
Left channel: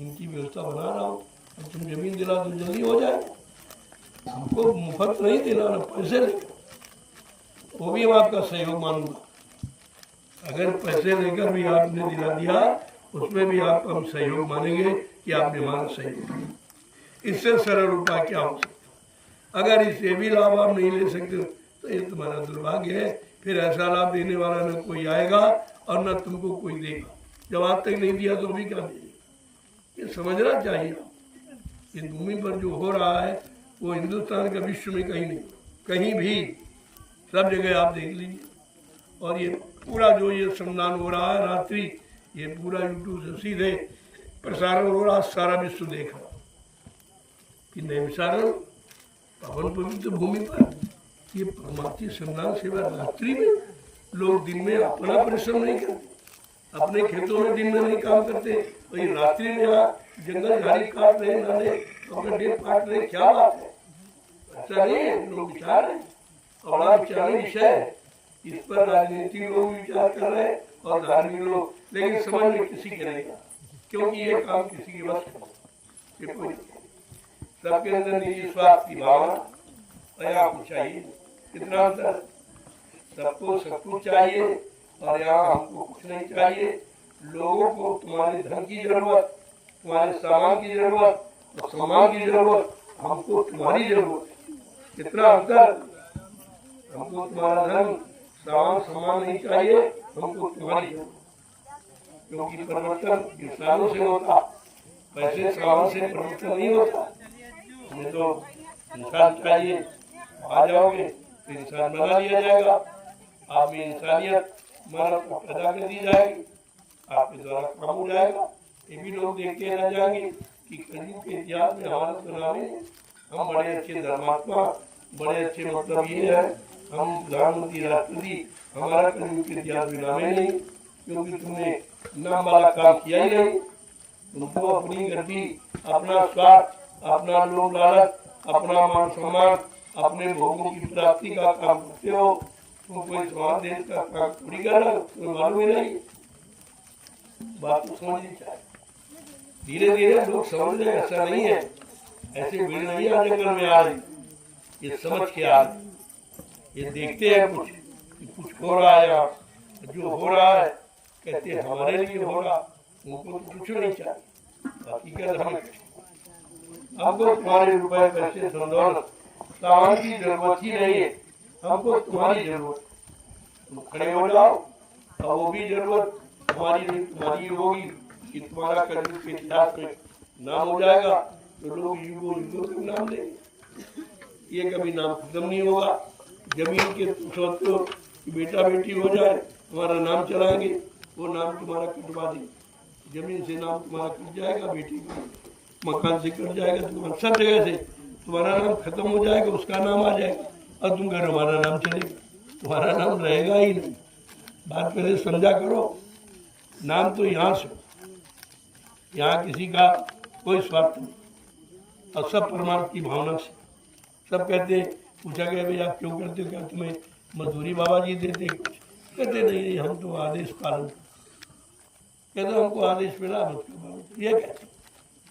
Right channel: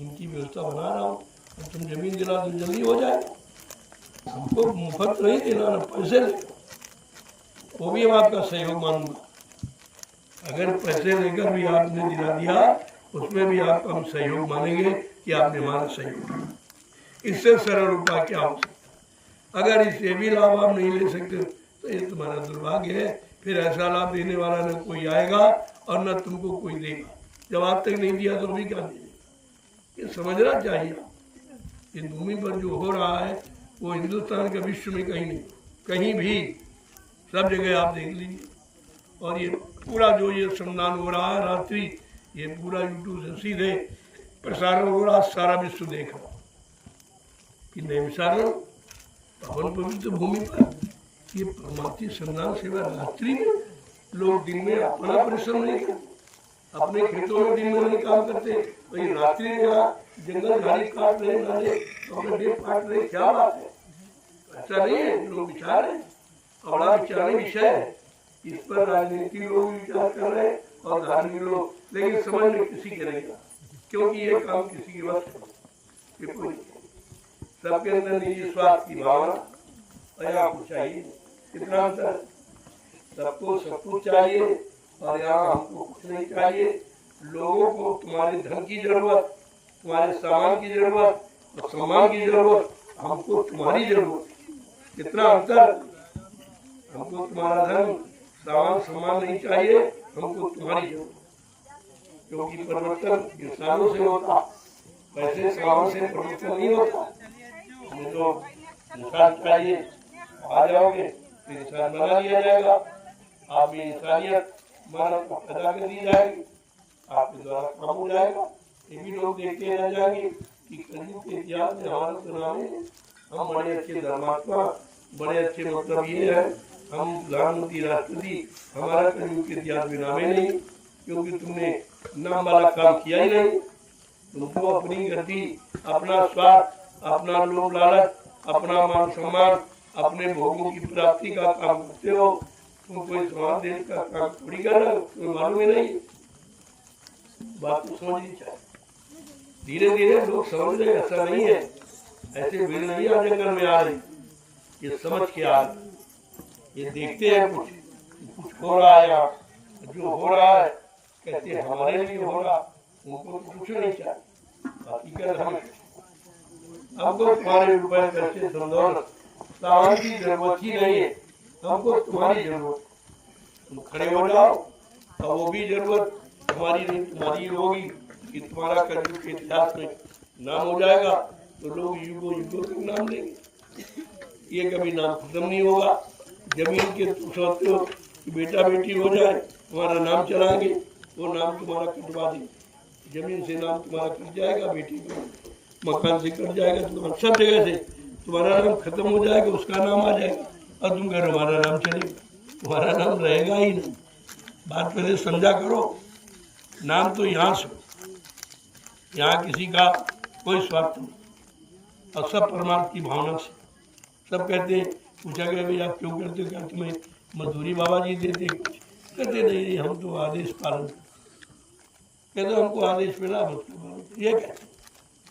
इनकी व्यवस्था बना रहा हूँ। अब तुम ज़मीन दिला तो जल्दी हो जाएगा, हमको मुफ्त नहीं देना ना पैसे लेकर, वो भी हम आपका सहयोग मानूंगा। अगर पैसे लेकर भी आपने दिला दिया उसमें भी आपका हम सहयोग मानेंगे कि आपने हमारा सहयोग किया। इससे सरल उपाय क्या हो सकता। अगर इससे भी लाभ आप नहीं ले सकते तो ये तुम्हारा दुर्भाग्य है, फिर ऐसा लाभ देने वाला न कोई आएगा और न तुमको कोई देगा। जब आज तक नहीं दिया तो अभी क्या दे देगा, ये समझना चाहिए। इस भूमि पर जो हो रहा है वो हिंदुस्तान का विश्व में कहीं नहीं, कहीं भी सब जगह आप देख लीजिए। और ये पूरा जो ये श्रमदान हो रहा है रात्रि, ये पूरा यूट्यूब से सीधे प्रसारण हो रहा, सारा विश्व देख रहा कि नैमिषारण्य पावन पवित्र भूमि पर ये परमार्थी श्रमदान सेवा रात्रि में लोग दिन में अपना परिश्रम नहीं करते, अपने खेतों में दिन में नहीं काम करते, तो ये रात्रि में जंगल झाड़ी काट रहे, नाले अपने डेट काट रहे, क्या बात है। ऐसा नहीं है, लोग विचार है और बड़ा विचारने विषय है। इस पर राजनीति लोग विचार कर रहे हैं और धार्मिक लोग, लेकिन समझ में किसी के नहीं आता, क्योंकि ये काम किसी के बस ये कोई नहीं। सबके अंदर निजी स्वार्थ की भावना और यहाँ कुछ चाहिए, कितना अंतर। सबको सब कुछ चाहिए और यहाँ हमको कुछ नहीं चाहिए। लोगों को तुम्हारे धन की जरूरत, तुम्हारे सामान की जरूरत और सम्मान की जरूरत, हमको तुम्हारी जरूरत, कितना अंतर। हमको तुम्हारा धन सामान सम्मान नहीं चाहिए, हमको तुम्हारी जरूरत। क्योंकि परिवर्तन इंसानों से होता, पैसे सामान से परिवर्तन नहीं होता। हमें तो इंसान चाहिए, आ जाओगे तो इंसान बना दिया जाएगा, आप में इंसानियत मानव को पैदा कर दी जाएगी, आपके द्वारा काम हो जाएगा। ये भी लोग देखते रह जाएंगे कि कलयुग के इतिहास में हमारा सुनाने हम बड़े अच्छे धर्मात्मा, बड़े अच्छे मतलब ये है, हम प्रधानमंत्री राष्ट्रपति, हमारा कलयुग के इतिहास में नामे नहीं, क्योंकि तुमने नाम वाला काम किया ही नहीं। तुमको अपनी गति, अपना स्वार्थ, अपना लोभ लालच, अपना मान सम्मान, अपने भोगों की प्राप्ति का काम करते हो। तुम कोई समाज देश का काम थोड़ी कर रहे हो, तुम्हें मालूम ही नहीं। बात तो समझनी चाहिए, धीरे धीरे लोग समझ रहे, ऐसा नहीं है, ऐसे भीड़ नहीं आ जंगल में आ रही, ये समझ के आ रही, ये देखते हैं कुछ हो रहा है यहाँ, जो हो रहा है कहते हैं हमारे लिए हो रहा, उनको कुछ नहीं चाहिए, हकीकत हमें हमको तुम्हारे रुपए पैसे दौलत सामान की जरूरत ही नहीं है, हमको तुम्हारी जरूरत, तुम खड़े हो जाओ और वो भी जरूरत हमारी नहीं तुम्हारी होगी कि तुम्हारा कलयुग के इतिहास में नाम हो जाएगा तो लोग युगों युगों तक नाम लेंगे, ये कभी नाम खत्म नहीं होगा। जमीन के तुम सोचते हो कि बेटा बेटी हो जाए तुम्हारा नाम चलाएंगे, वो नाम तुम्हारा कटवा देंगे, जमीन से नाम तुम्हारा कट जाएगा, बेटी का मकान से कट जाएगा, तुम्हारा सब जगह से तुम्हारा नाम खत्म हो जाएगा, उसका नाम आ जाएगा और तुम कह हमारा नाम चलेगा, तुम्हारा नाम रहेगा ही नहीं। बात पहले समझा करो, नाम तो यहाँ से, यहाँ किसी का कोई स्वार्थ नहीं और सब परमात्मा की भावना से। सब कहते हैं, पूछा गया भाई आप क्यों करते हो, क्या तुम्हें मजदूरी बाबा जी देते कुछ, कहते नहीं हम तो आदेश पालन करते, कहते हमको आदेश मिला हम उसका पालन, ये कहते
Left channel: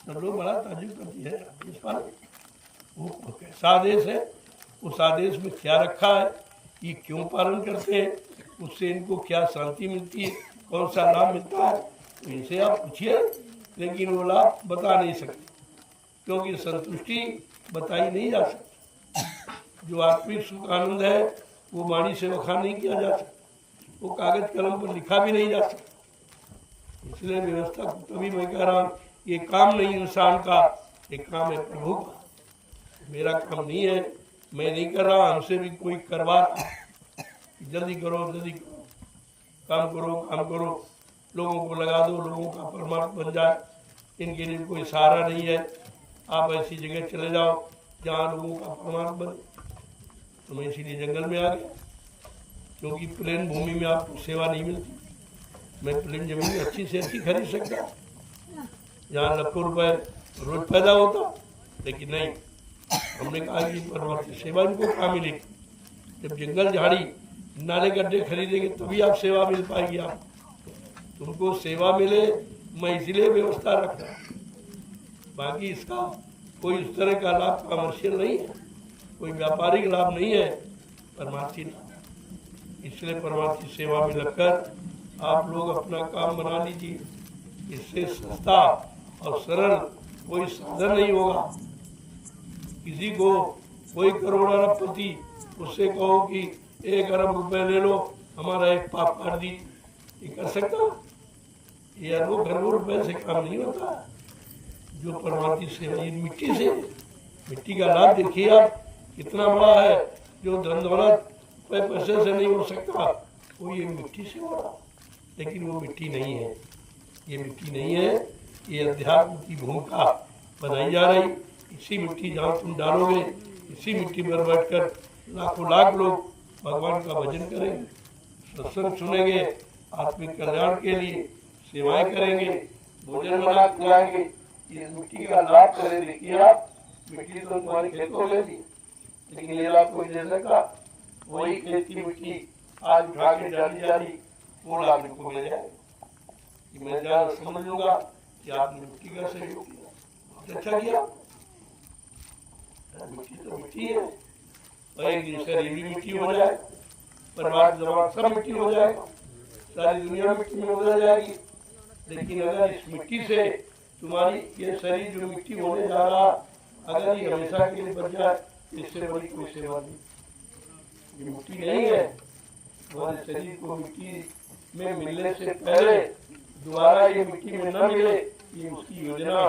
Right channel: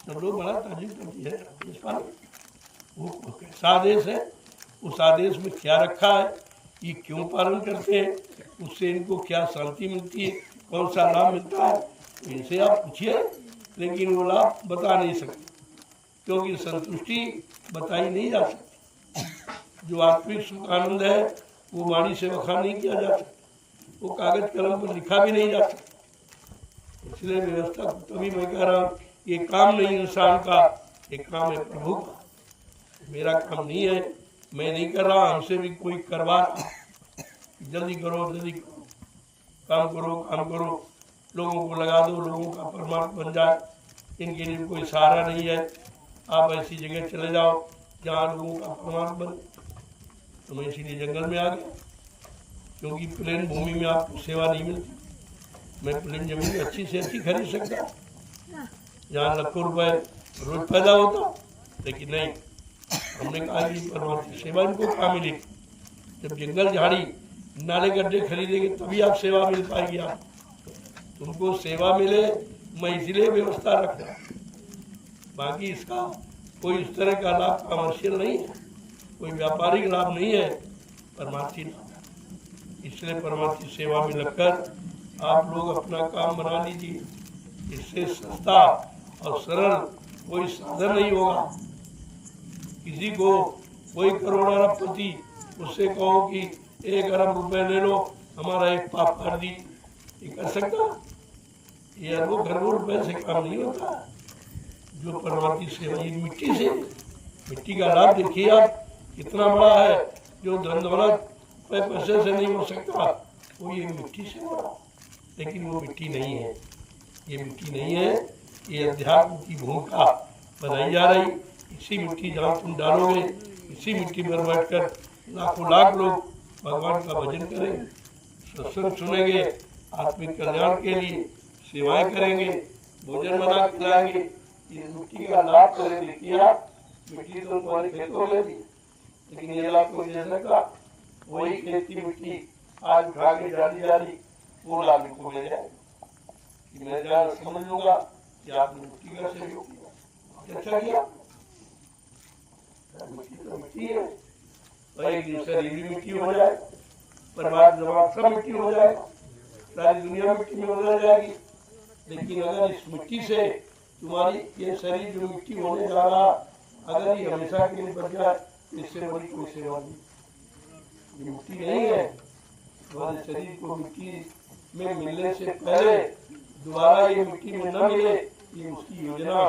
सब लोग बड़ा ताजुब करती है आदेश पालन, वो कैसा आदेश है, उस आदेश में क्या रखा है, ये क्यों पालन करते हैं, उससे इनको क्या शांति मिलती है, कौन सा लाभ मिलता है, तो इनसे आप पूछिए, लेकिन वो लाभ बता नहीं सकते क्योंकि संतुष्टि बताई नहीं जा सकती। जो आत्मिक सुख आनंद है वो वाणी से बखान नहीं किया जा सकता, वो कागज कलम पर लिखा भी नहीं जा सकता। इसलिए व्यवस्था को तभी मैं कह रहा हूँ, ये काम नहीं इंसान का, ये काम है प्रभु का, मेरा काम नहीं है, मैं नहीं कर रहा, हमसे भी कोई करवा रहा, जल्दी करो जल्दी करो, काम करो काम करो, लोगों को लगा दो, लोगों का परमार्थ बन जाए, इनके लिए कोई सहारा नहीं है, आप ऐसी जगह चले जाओ जहाँ लोगों का परमार्थ बने। तो मैं इसीलिए जंगल में आ गया, क्योंकि प्लेन भूमि में आपको सेवा नहीं मिलती, मैं प्लेन जमीन अच्छी से अच्छी खरीद सकता, जहाँ लाखों रुपए रोज पैदा होता, लेकिन नहीं, हमने कहा कि परमात्मा की सेवा इनको कहाँ मिलेगी, जब जंगल झाड़ी नाले गड्ढे खरीदेंगे तभी आप सेवा मिल पाएगी, आप तुमको सेवा मिले, मैं इसलिए व्यवस्था रख रहा हूँ, बाकी इसका कोई उस तरह का लाभ कमर्शियल नहीं है, कोई व्यापारिक लाभ नहीं है, परमार्थी लाभ। इसलिए परमार्थी सेवा में लगकर आप लोग अपना काम बना लीजिए, इससे सस्ता और सरल कोई साधन नहीं होगा। किसी को कोई करोड़ अरबपति उससे कहो कि 1 अरब रुपए ले लो, हमारा एक पाप कर दी, ये कर सकता? ये अरबों खरबों रुपए से काम नहीं होता। जो परमात्मा सेवा, ये मिट्टी से, मिट्टी का लाभ देखिए आप कितना बड़ा है, जो धन दौलत पैसे से नहीं हो सकता, वो ये मिट्टी से हो रहा, लेकिन वो मिट्टी नहीं है, ये मिट्टी नहीं है, ये अध्यात्म की भूमिका बनाई जा रही। इसी मिट्टी जहाँ तुम डालोगे, इसी मिट्टी पर बैठकर लाखों लाख लोग भगवान का भजन करेंगे, सत्संग सुनेंगे, आत्मिक कल्याण के लिए सेवाएं करेंगे, भोजन बना खिलाएंगे। ये मिट्टी का लाभ करें, देखिए आप, मिट्टी तो तुम्हारे खेतों में थी, लेकिन ये लाभ कोई दे सका, वही खेत की मिट्टी आज उठा के डाली जा रही, वो लाभ को मिल जाएगा। मैं क्या समझ लूंगा कि आपने मिट्टी का सहयोग किया, अच्छा किया, मिट्टी तो मिट्टी है, और एक दिन शरीर भी मिट्टी हो जाए, परिवार जवान सब मिट्टी हो जाए, सारी दुनिया मिट्टी में बदल जाएगी। लेकिन अगर इस मिट्टी से तुम्हारी ये शरीर जो मिट्टी होने जा रहा, अगर ये हमेशा के लिए बच जाए, इससे बड़ी कोई सेवा नहीं। ये मिट्टी नहीं है, तुम्हारे शरीर को मिट्टी में मिलने से पहले दोबारा ये मिट्टी में न मिले, ये उसकी योजना,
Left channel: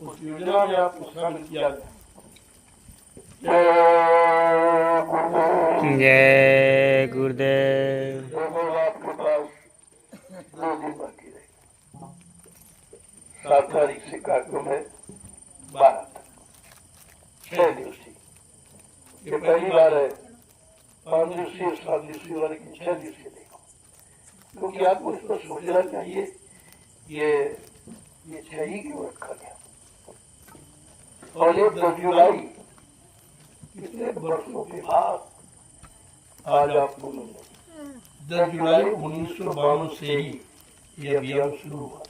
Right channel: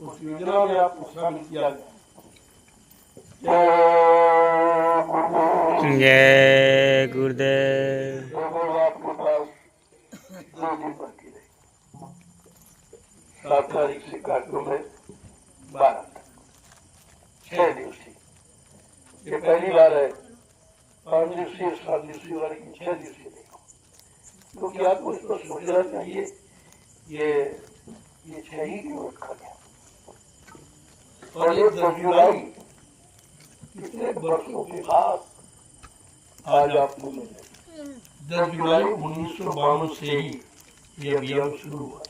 उस योजना में आपको शामिल किया गया। जय गुरुदेव। साप्ताहिक से कार्यक्रम है 6 दिवसीय, ये पहली बार है 5 दिवसीय 7 दिवसीय वाली 6 दिवसीय देखो, क्योंकि आपको उस पर सोचना चाहिए ये 6 ही क्यों रखा गया। और ये 10 जुलाई कितने वर्षों के बाद आज आपको 10 जुलाई 1952 से ही ये अभियान शुरू हुआ।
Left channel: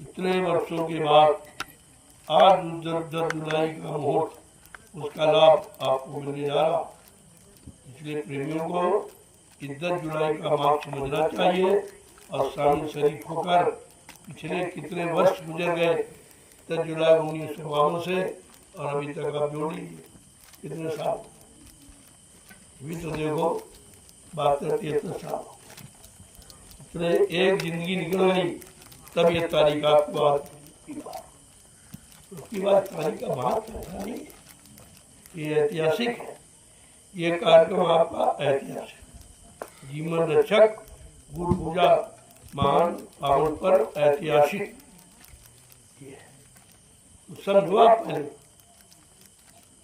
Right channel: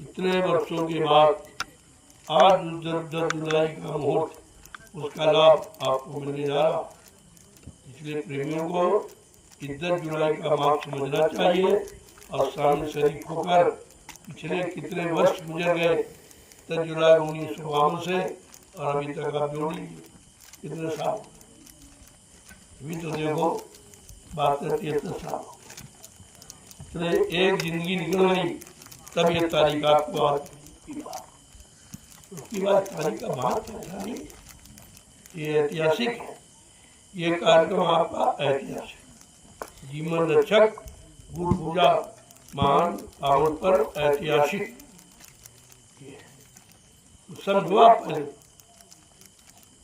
इतने वर्षों के बाद आज 10 जुलाई का मुहूर्त, उसका लाभ आपको मिलने जा रहा। इसलिए प्रेमियों को कि 10 जुलाई का मार्ग समझना चाहिए और शामिल शरीक होकर पिछले कितने वर्ष गुजर गए 10 जुलाई 1952 से और अभी तक आप जोड़ लीजिए कितने साल, अभी तो देखो 72-73 साल, इतने एक जिंदगी निकल गई तब ये तारीख आपको आज उसकी बाद तारीख का महत्व ऐसा नहीं है, ये ऐतिहासिक है। ये कार्यक्रम आपका ऐतिहासिक जीवन रक्षक गुरु पूजा महान पावन पर ऐतिहासिक तो समझो आप पहले,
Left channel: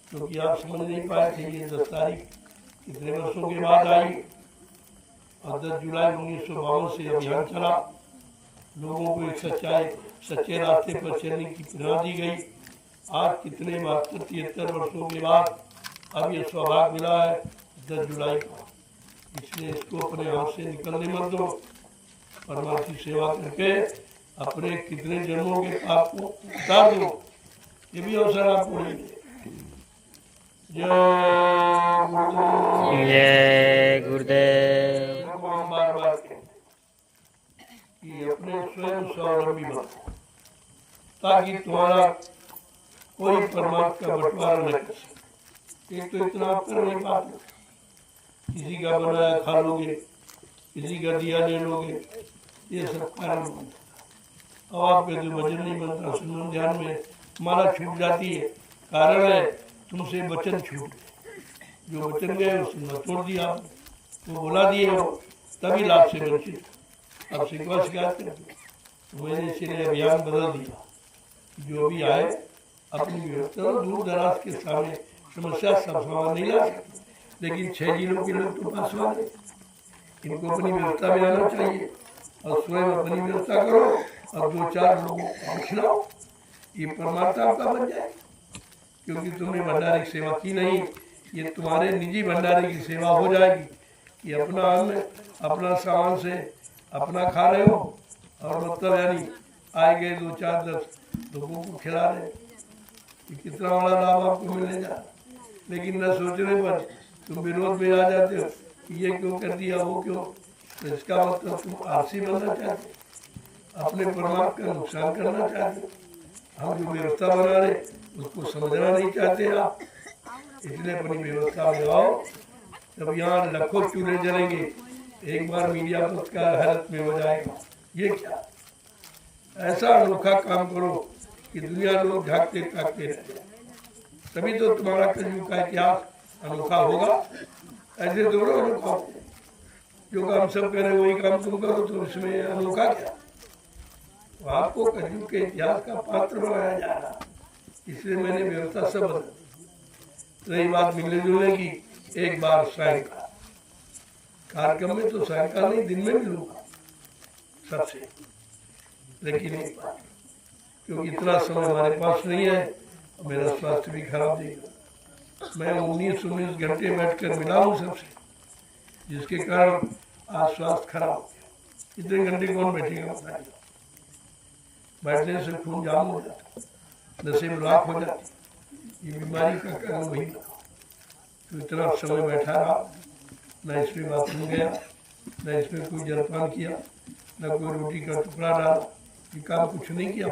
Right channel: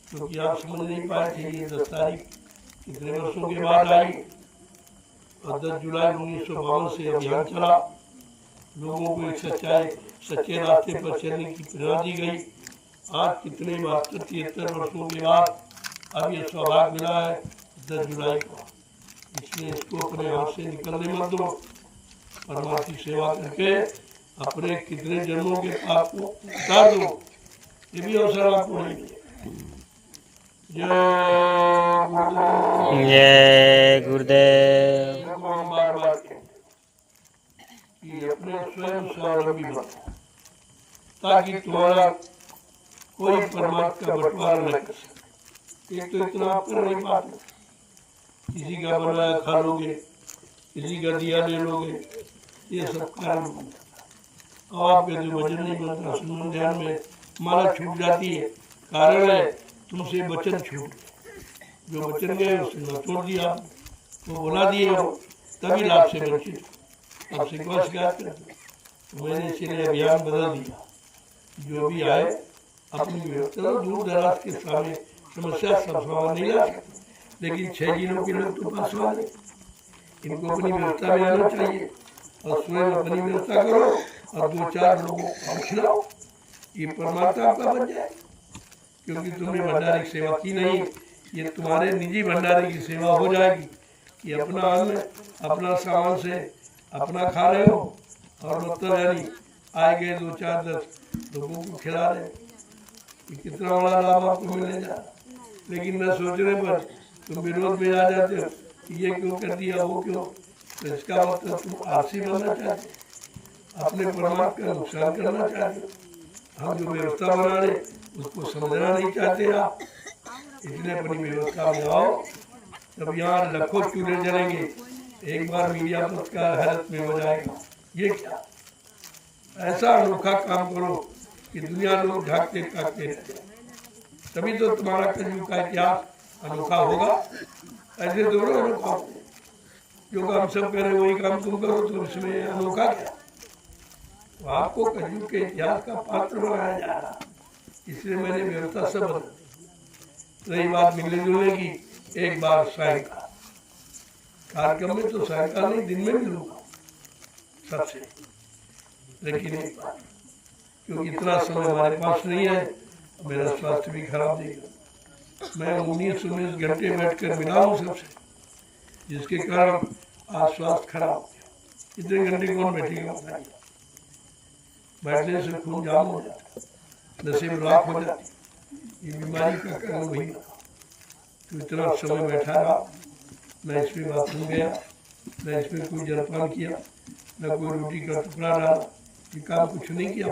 क्योंकि आप समझ नहीं पाए थे ये 10 तारीख कितने वर्षों के बाद आई और 10 जुलाई 1952 से अभियान चला, लोगों को एक सच्चे रास्ते पर चलने की प्रेरणा दी गई। आज कितने 72-73 वर्षों के बाद अब ये सौभाग्य मिला है 10 जुलाई का, इसलिए इसको अपने हाथ से निकलने मत दो। परमात्मा की सेवा करके अपने कितने जन्मों के पाप को उतार दो, ये भी अवसर आपको नहीं। जय गुरुदेव। जय गुरुदेव। हम बार बार कि अपने स्वयं स्वावलंबी बनो ताकि तुम्हारा कोई परमात्मा का बंटवारा न कर सके। एक तो इतना आप कर नहीं पाते, किसी का बनाया खा लोगे, किसी का दिया ले लोगे, ये सब कारण बनता। अब आपके जो वजन नहीं बनता, सुनन ध्यान में माला छूट जाती है, कारण है तुमसे वचन छूट गए, जो वचन गए उसने छोड़ दिया, आपने वो बोला दिए हो तभी लाभ से वंचित, अब शिकवा शिकायत करते। तो मैंने इसीलिए अभियान बदल दिया, जो भी आए अपनी व्यवस्था दूर दराज के सामने समस्या सब समाधान नहीं ला सकते, लेकिन 6 जिलों के लोग तो पास वाले, इनको अपनी व्यवस्था में आना चाहिए और स्वयं अपनी व्यवस्था करो और 2-4 लोगों को खिलाओ, ये परमात्मा आपका बन जाए। क्योंकि तुमने भंडारे की सेवा की नहीं, ये तुम्हारे निजी भंडारे की सेवा हो जाएगी कि अपना अन्न अपना सामान से अपना खा रहे हो और मतलब यानी आए गए 2-4-10 लोगों को खिला रहे हो, ये कितना बड़ा लाभ आपको मिलने जा रहा। लेकिन न सोचने पर तुम विरोध में आ जाते हो कि ये क्यों कर दिया वो क्यों, तो इसका मतलब तुम आलसी बनना चाहते हो, अपने परमात्मा का नुकसान करना चाहते हो। हम जो व्यवस्था बना रहे उसको समझना नहीं चाहते आप, इसलिए अपनी व्यवस्था में आओ। जब यहाँ लाखों चूल्हे जलेंगे, एक बार मीडिया पत्रकार हैरत में हो जाएगा, ये क्या ऐसा अनोखा काम करो कि दुनिया लोग झांकते ताकते रहे, तभी तो तुम्हारा कलयुग का इतिहास अनोखा होगा। ऐसे दोनों अनोखा हो, जो काम सब करे वही काम तुम करो, तो इसमें अनोखा क्या। तो आपको कलयुग के इतिहास का पात्र बनाया जा रहा है, इसलिए मैंने व्यवस्था सब बदल दी। रही बात मिलने जुलने की, एक बार सायंकाल कार्यक्रम में तो सायंकाल नहीं दिन में मिलूंगा सबसे, लेकिन एक बार क्योंकि इतना समय हमारे पास नहीं है, मेरा स्वास्थ्य भी खराब देगा। मैं 19 घंटे बैठकर मिला हूँ सबसे, जिसके कारण आज स्वास्थ्य खराब हो गया। इतने घंटे कौन बैठेगा बताइए, बैठने से खून जाम हो जाता, नसें ब्लॉक हो जाती, ये बीमारी का कारण वही बना। तो इतना समय बैठा रहा, न इसमें बाथरूम गया, न इसमें कोई जलपान किया, न कोई रोटी का टुकड़ा डाला, ये काम कुछ नहीं किया।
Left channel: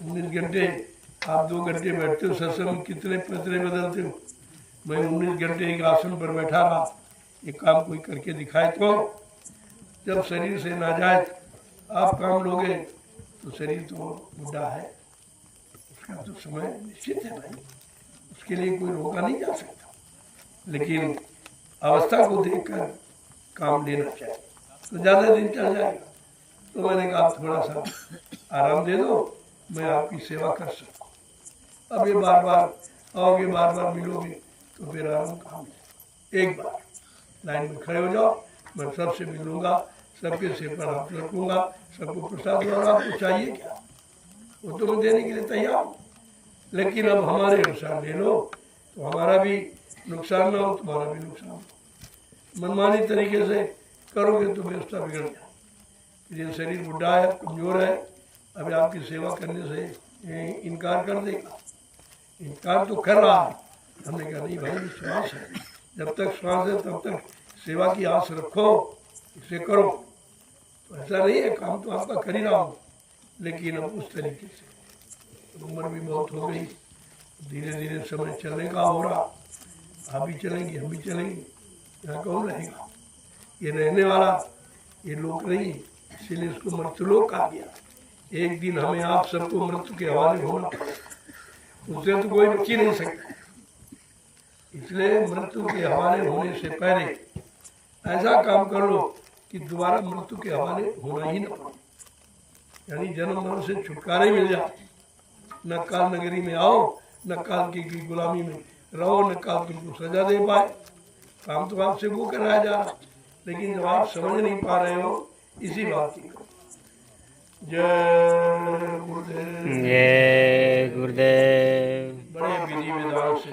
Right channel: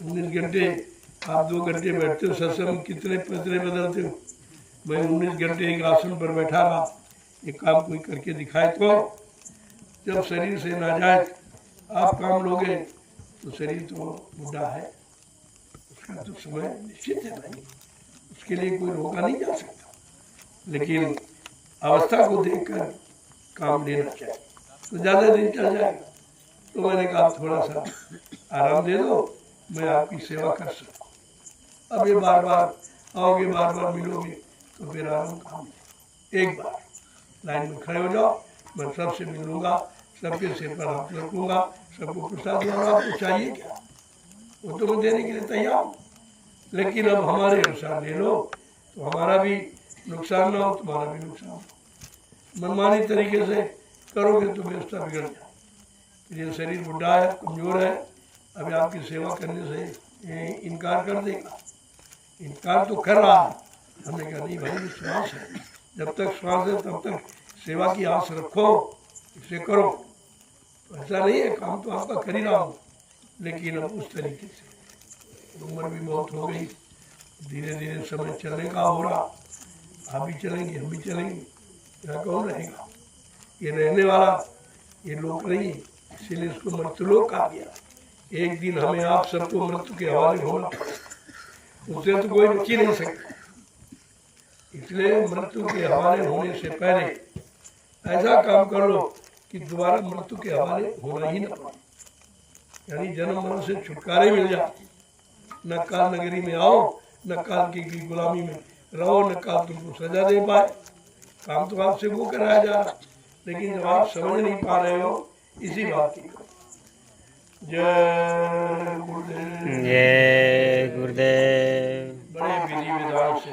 19 घंटे आप 2 घंटे बैठते हो, सत्संग कितने पतरे बदलते हो। मैं 19 घंटे एक आसन पर बैठा रहा, ये काम कोई करके दिखाए तो। जब शरीर से नाजायज आप काम लोगे तो शरीर तो बुढ़ा है, उसका तो समय निश्चित है भाई, उसके लिए कोई रोका नहीं जा सकता। लेकिन अवस्था को देखकर काम लेना चाहिए, तो ज़्यादा दिन चल जाएगा। तो मैंने कहा थोड़ा सा आराम दे दो, मैं आपकी सेवा कर सकूँ। अब ये बार बार आओगे, बार बार मिलोगे, तो फिर आराम कहाँ मिलेगा। एक बार लाइन में खड़े हो जाओ, मैं सबसे मिल लूँगा, सबके सिर पर हाथ रखूँगा, सबको प्रसाद दूँ, और आपको चाहिए क्या वो तो मैं देने के लिए तैयार हूँ। लेकिन अब हमारे अनुसार ले लो, तो हमारा भी नुकसान ना हो, तुम्हारा भी नुकसान हो। मनमानी तरीके से करोगे तो व्यवस्था बिगड़ जाए। ये शरीर बुढ़ा है, कमज़ोर है, अभी आपकी सेवा करने से इनकार कर देगा। इनकार तो कर रहा है, हमने कहा नहीं भाई विश्वास है, जब तक श्वास है तब तक सेवा की आस रखो, इसे करो। तो ऐसा नहीं है, काम तो आपका कर ही रहा हूँ, लेकिन अब उस तरीके से उम्र भी बहुत हो गई, धीरे धीरे समय चलने का हो रहा। आप भी चलेंगे, हम भी चलेंगे, यहाँ कौन रहेगा? ये रहने वाला ये लोक नहीं है, इसीलिए इसको मृत्युलोक कहा गया। एक दिन हमें आप सबको मृत्यु के हवाले होना पड़ेगा, उससे तो कोई बच ही नहीं सकता। इसलिए मृत्यु के हवाले होने से पहले ऐसा काम कर लो कि दोबारा मृत्यु के हवाले होना ही न पड़े, यानी जन्म मरण से छुटकारे मिल जाए। न काल नगरी में आओ, न काल की गुलामी में रहो, न काल तुमको सजा दे पाए। काम तो आपसे वो कराया जा रहा, लेकिन जब आप समझ नहीं पा रहे हो, इसी बात की। जय गुरुदेव। जय गुरुदेव। बड़े विधि विधान से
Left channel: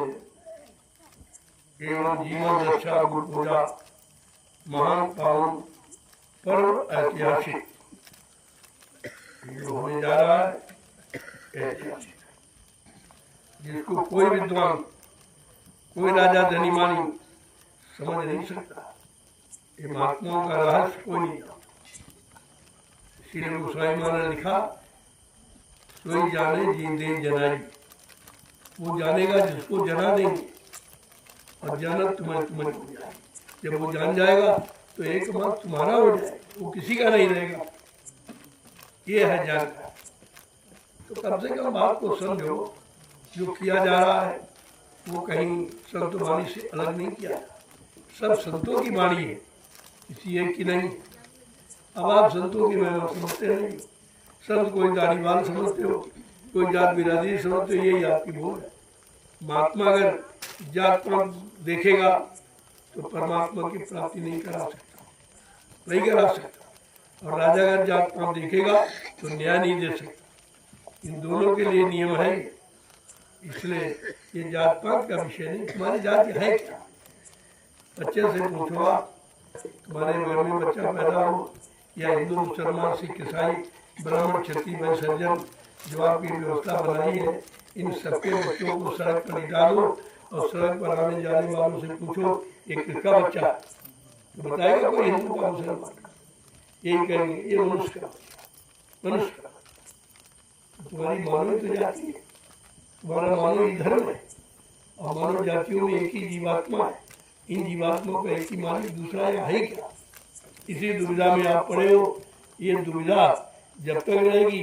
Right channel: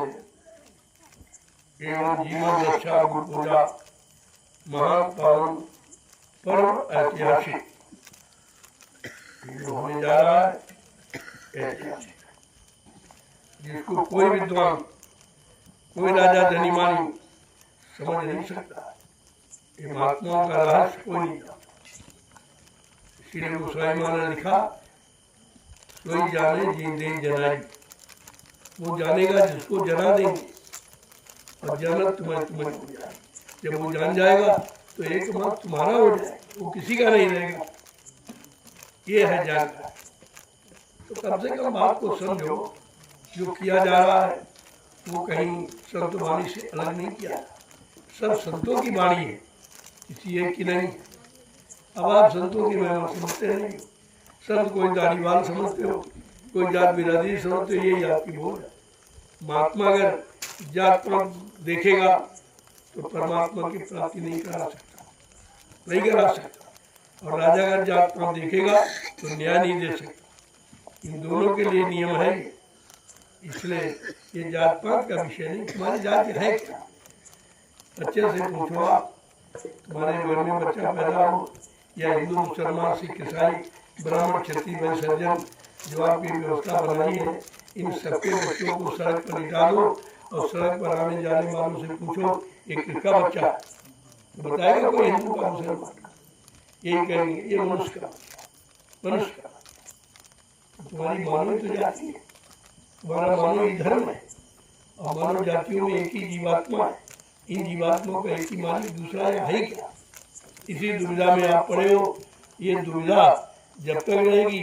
एवं जीवन रक्षा गुरु पूजा महान पावन पर्व ऐतिहासिक जो होने जा रहा है, ऐतिहासिक, जिसको कोई विद्वान, कोई राजा धनीमानी समझ नहीं सकता। ये महात्माओं का रहस्य कोई नहीं जानता। इसीलिए गोस्वामी माँ ने लिखा, सोई जाने जींदे जनाई। वो जानेगा जिसको जना देंगे, और जानत तुम्हें तुम्हें हो जाए। जब वो जान जाएगा तो एक मत तुम्हारा हो जाए, वो किसी का नहीं रहेगा। ये है जानकारी। तो कम से कम बात को समझो, जो किया जा रहा है वो कहीं संत वाणी से अलग नहीं किया, सब संतों की वाणी है, किसी एक की नहीं। अब आप संतों की महिमा समझते नहीं, संत कोई दाढ़ीवाल समझते हो, कोई जात बिरादरी समझते हो, यही आपकी भूल है। महात्मा अगर जात पात देखेगा तो परमात्मा की प्राप्ति नहीं करा सकता, नहीं करा सकता। और राजा अगर जात पात देखेगा तो न्याय नहीं दे सकता। इन दोनों के लिए नियम है। इसलिए ये जात पात का विषय नहीं। तुम्हारी जाति है क्या? बच्चे से पूछो, तुम्हारे घर में बच्चा पैदा हो, या हिंदू मुसलमान सिख ईसाई ब्राह्मण क्षत्रिय वैश्य सज्जन, जो आपकी व्यवस्था बनाई है, इन सबके बच्चों को सड़क पर लिटा दो और सड़क पर आने जाने वालों से पूछो ये किसका बच्चा है, तो बताएगा कोई हिंदू का मुसलमान का? यही कहेंगे ये मनुष्य का, मनुष्य का। तो तुम्हारी मानव तो जाति है, तुम्हारा मानव ही धर्म है, और मानव जातियों में एक ही जीवात्मा है। इन जीवात्माओं का एक ही मालिक दूसरा यहाँ है क्या? इसी दुविधा में आप पड़े हो। ये दुविधा जब तक रहेगी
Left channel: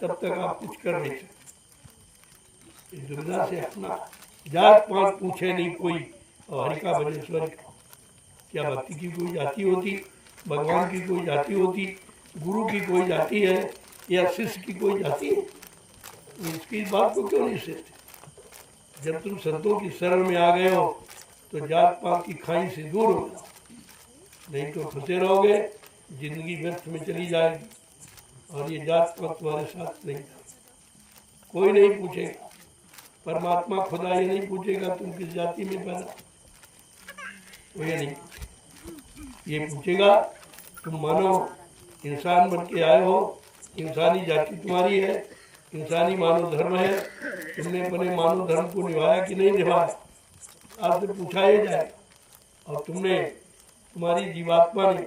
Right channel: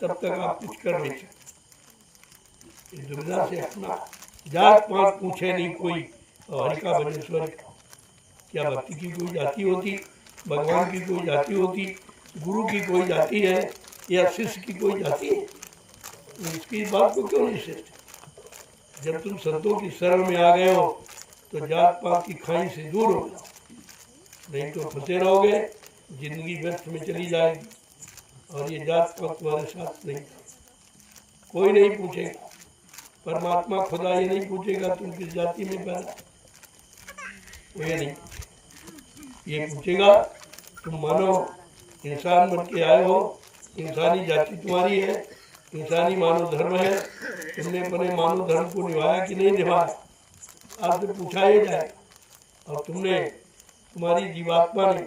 तब तक आप कुछ कर नहीं सकते। इस दुविधा से हटना। जात पात पूछे नहीं कोई, और हरि का भजन स्वर का। क्या भक्ति की कोई जाति होती, भगवान की कोई जाति होती, गुरु की कोई जाति है, या शिष्य की कोई जाति है? तो इसकी बात को क्यों नहीं सोचते? जब तुम संतों की शरण में आ गए हो तो जात पात की खाई से दूर हो जाओ, नहीं तो फंसे रहोगे, जिंदगी व्यर्थ में चली जाएगी। और ये जात पात तुम्हारे साथ नहीं जाएगी। कोई नहीं पूछेगा, परमात्मा खुदा ये नहीं पूछेगा तुम किस जाति में पैदा, वो ये नहीं पूछेगा। ये पूछेगा तुम मानव इंसान बन के आए हो, इंसानी जाति तुम्हारी है, इंसानी मानव धर्म है, तुमने अपने मानव धर्म को निभाया कि नहीं निभाया, आपसे पूछा ही जाए। और तुमने, तुम्हारी जीवात्मा ने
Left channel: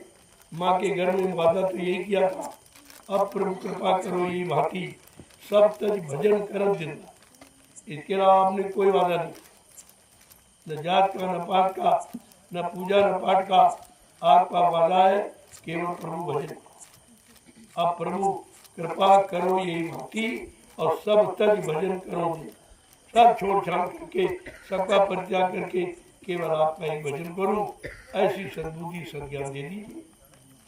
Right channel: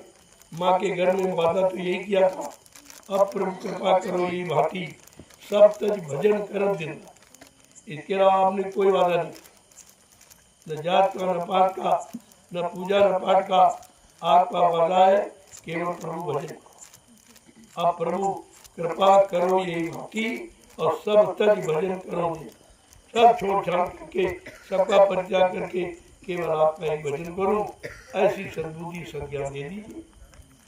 माँ के घर में वादा तो यही किया था, अब प्रभु कृपा करो ये भांति सब तज भजन करत दिन। इसके अलावा आपने कोई वादा नहीं, न जात का, न पात का, न पूजा न पाठ का। आपका वादा है केवल प्रभु भजन। अब प्रभु कृपा करो यही भांति और सब तज भजन करो दिन। सब छोड़ छाड़ करके, सबका परित्याग करके केवल आपका ही भजन करूं, ऐसी सद्बुद्धि संज्ञान दे दीजिए।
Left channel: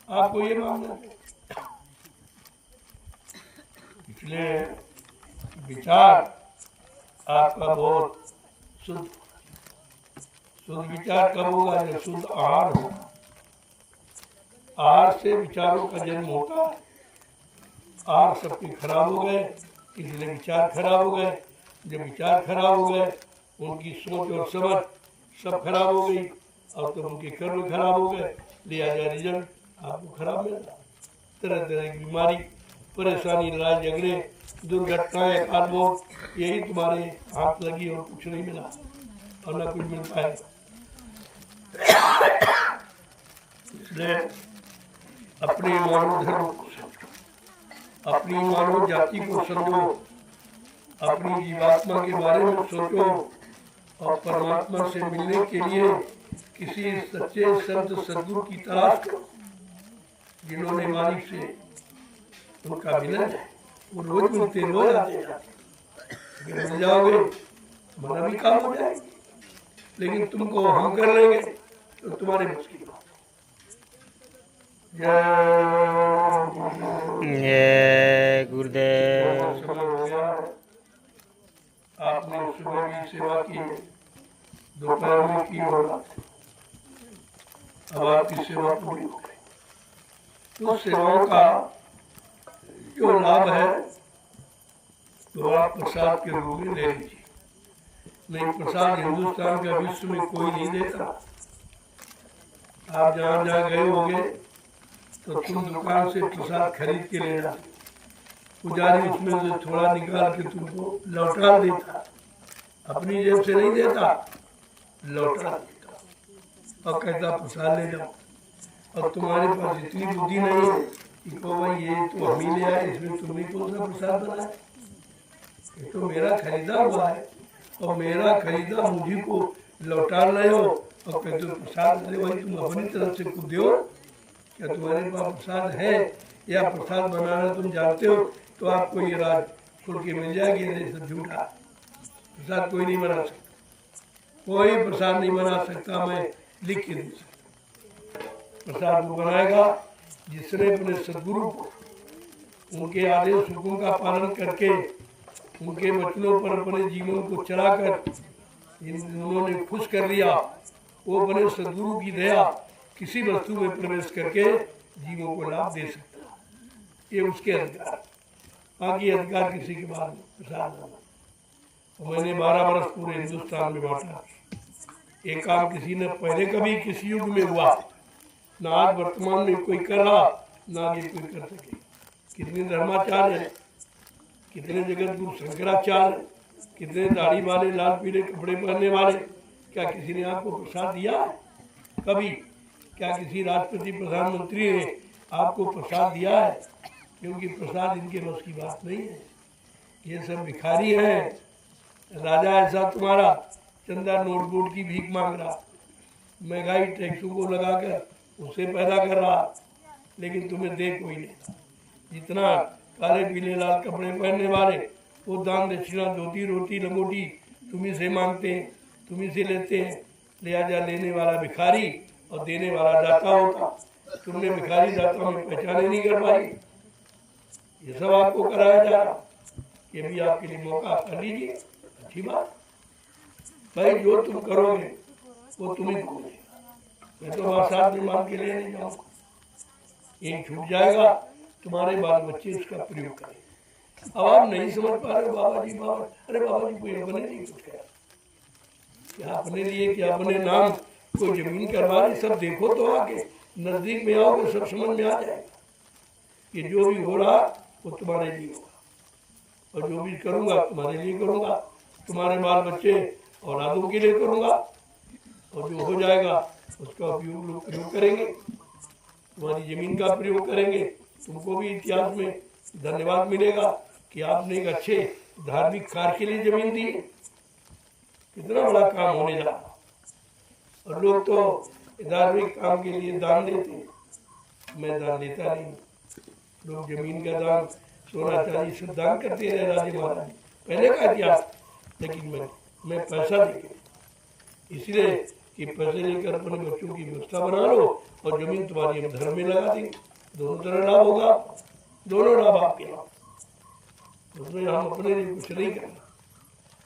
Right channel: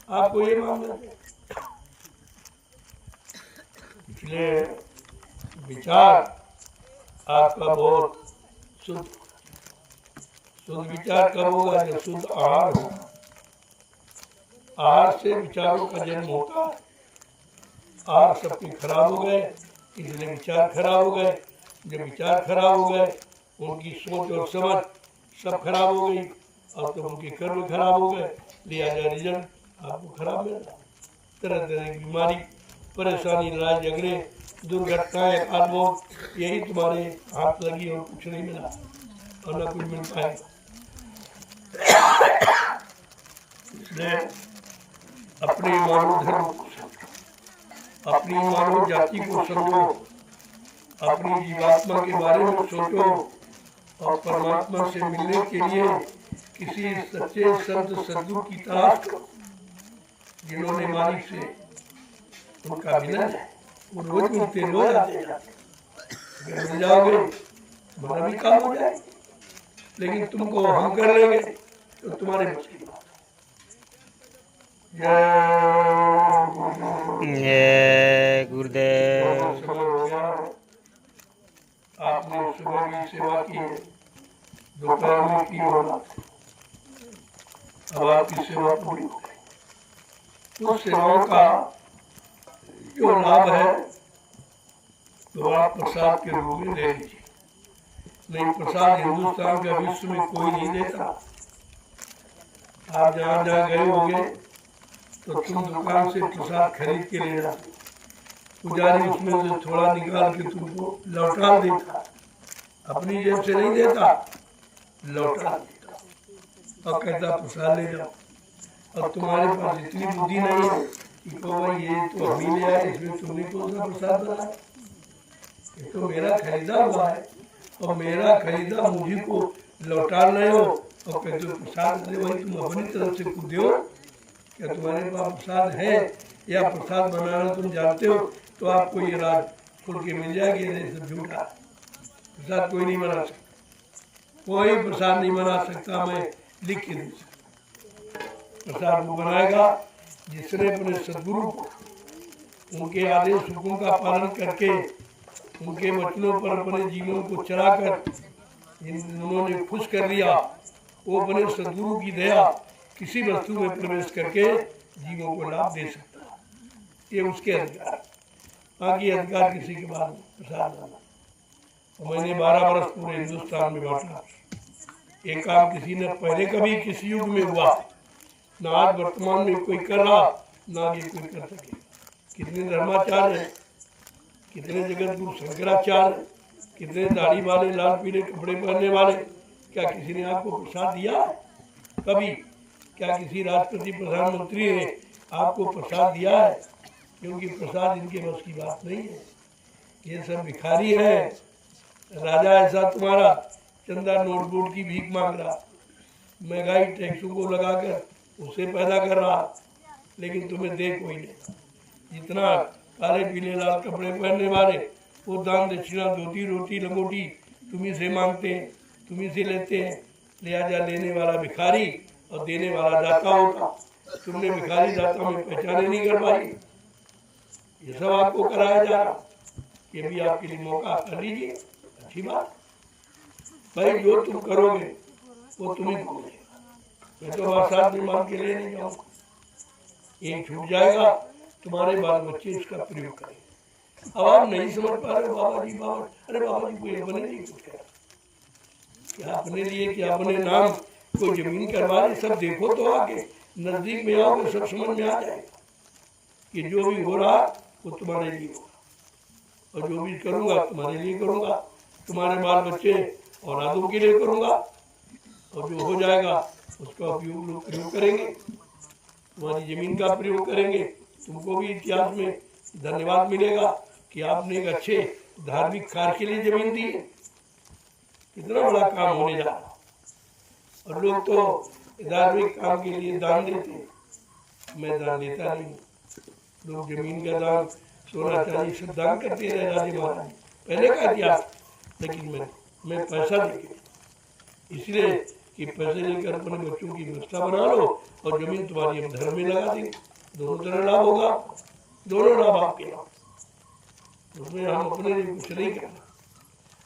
आपको ये मानना है। इसलिए विचार आपका बहुत शुद्ध, शुद्ध विचार कब होगा? जब शुद्ध आहार होगा। आहार से विचारों का जन्म होता है। आहार सबके खराब हो गए, इसलिए विचार खराब हो गए। जब विचार खराब हो गए, उनकी सोच और समझ सब खराब हो गई, और तो उनके कर्म खराब हो गए, लिहाजा रिजल्ट आपको खराब मिला। तरह तरह की बीमारी, परेशानी, लड़ाई झगड़े, दुर्घटनाएं, अकाल मौत, यही तुम्हारे हाथ लगी और कुछ नहीं मिला, और ना कुछ मिल पाएगा। इसलिए अपने मानव धर्म को समझो, अपनी मानव जाति को समझो, अपनी जीवात्मा के बारे में सोचो और परमात्मा से मिलने के लिए किसी सच्चे संत सद्गुरु की तलाश करो, जिन्होंने मालिक से उनका मिलन है। वो रोज मिलते, रोज आते जाते। अगर मिल जाओगे तुम्हारा भी काम हो जाएगा, लेकिन तुमको हम कर लेंगे तो तुम्हारे बस की बात। जय गुरुदेव। समय हो गया है, आपने सुबह की सेवा की, दोपहर में की होगा, अब आपकी सेवा पूरी करें। उस सेवाओं का जो लाभ है तो आप प्रसाद के रूप में ले लीजिए। नहीं, प्रसाद हिंदुस्तान का विश्व में कोई नहीं देता। आप जहाँ जहाँ गए होंगे तो तुम दुकान से प्रसाद खरीद के ले जाते, पुजारी उसमें से थोड़ा निकाल के तुमको लौटा देता, अपनी जेब से नहीं देता, लौटा देता और कहता प्रसाद ले जाओ। और तुम्हारे पास इतनी बुद्धि नहीं है कि कहो भाई ये तो हम ही ले आए, इसमें तुमने कौन सा प्रसाद बनाया, ये तो मेरा खरीदा हुआ है और मेरा खरीदा मुझे को लौटा रहे हो और कहते हो प्रसाद दे। वही तुम अपनी तरफ से खुद दो। क्या तुम्हारे पास प्रसाद है या प्रसाद बनाना तुम जानते हो तो आपको ये राज खुल के मिल जाएगी। ये सब झूठा है, प्रसाद कोई नहीं बना सकता, कोई प्रसाद नहीं बना सकता। मैं लिख के दे सकता, प्रसाद वो बनाएगा जिसने अपने सद्गुरु को उनके आदेश हुक्म का पालन करके उनके वचनों पर अपने जीवन को चलाकर उन्होंने खुश कर लिया। वो अपने सद्गुरु की दया किसी वस्तु में प्रवेश करके जीवों को लाभ दे सकता है, ये उसके अधिकार। बाकी अधिकार किसी के बाद प्रसाद देना। और मैंने 12 वर्ष पूरे हिंदुस्तान में बांटा। ये काम किसी ने पहले कभी किसी युग में हुआ ना, आज वर्तमान में कोई कर रहा ना आगे कोई कर सके। कितने धर्माचार्य हैं, कितने जगत गुरु शंकराचार्य, कितने दाढ़ी वाले, लाल पीले कपड़े पहनने वाले, क्या किसी ने आपको प्रसाद दिया है कभी? क्या किसी राष्ट्रपति प्रधानमंत्री ने आपको प्रसाद दिया है? क्योंकि प्रसाद इनके बस की बात नहीं है। ये सब भिखारी हैं। राजा ऐसा तुम्हारा चंदा नोट बोट की भीख मांग रहा, महंगाई टैक्सों को लगाकर उसे पैदा कर रहा, लेकिन तुम्हें दे कोई नहीं। जितना काले पीले लाल कपड़े पहनने वाले वो दान दक्षिणा धोती रोटी लंगोटी तुम्ही से मांगते हैं, तुम्ही से लेते हैं। लिहाजा लेने वाला भिखारी और देने वाला दाता होता। तुमने भिखारी दाता में पहचान ही नहीं कर पाई। ये सब आपको कराया जा रहा, ये भी आपके लिए मौका कर लीजिए, अच्छी बात भाई। जो तुम करोगे वो तुम्हें को मिलेगा। मैं तो बरसात में मांग के लिए नहीं जाऊँगा, ये छूट जाएगा, तुम्हारे बाल बच्चे इसका प्रयोग करेंगे। अब आप नहीं समझ पा रहे हो बाबा जी, बाबा अरे बाबा जी कोई अपने लिए कुछ कह, क्या अपने लिए, क्या अपने नाम कोई जमीन करवा रहे। सब देखो तो आके नजदीक में आओगे सब समझ में आ जाएगा कि जो भी हो रहा वो तुम्हारे लिए होगा, और जो भी करूँगा तुम्हारे लिए करूँगा, तुम्हारे बाल बच्चे औलादों के लिए करूँगा, और जो हो जाएगा उसका उपयोग लोग प्रयोग करेंगे, तुम्हारी ज़मीन का प्रयोग करेंगे। तुमको भी इतिहास में धन्यवाद मिलेगा कि आपने एक अच्छे धार्मिक कार्य के लिए ज़मीन दी है। कितना बड़ा काम होने जा रहा। और लोग तो धार्मिक काम के लिए दान देते हैं, मैं दान देता नहीं। लोग जमीन का दान, सोना चांदी सब दान करते रहे राजे महाराज पहले का इतिहास, लेकिन मैं पैसा देके, इसलिए कि पैसे लेकर अपने बच्चों की व्यवस्था बना लो और जमीन तुम्हारी हम धर्म में लगा देंगे। दोनों तरह लाभ होगा, दोनों लाभ आपके लाभ। उसमें हम अपने लिए कुछ नहीं करना,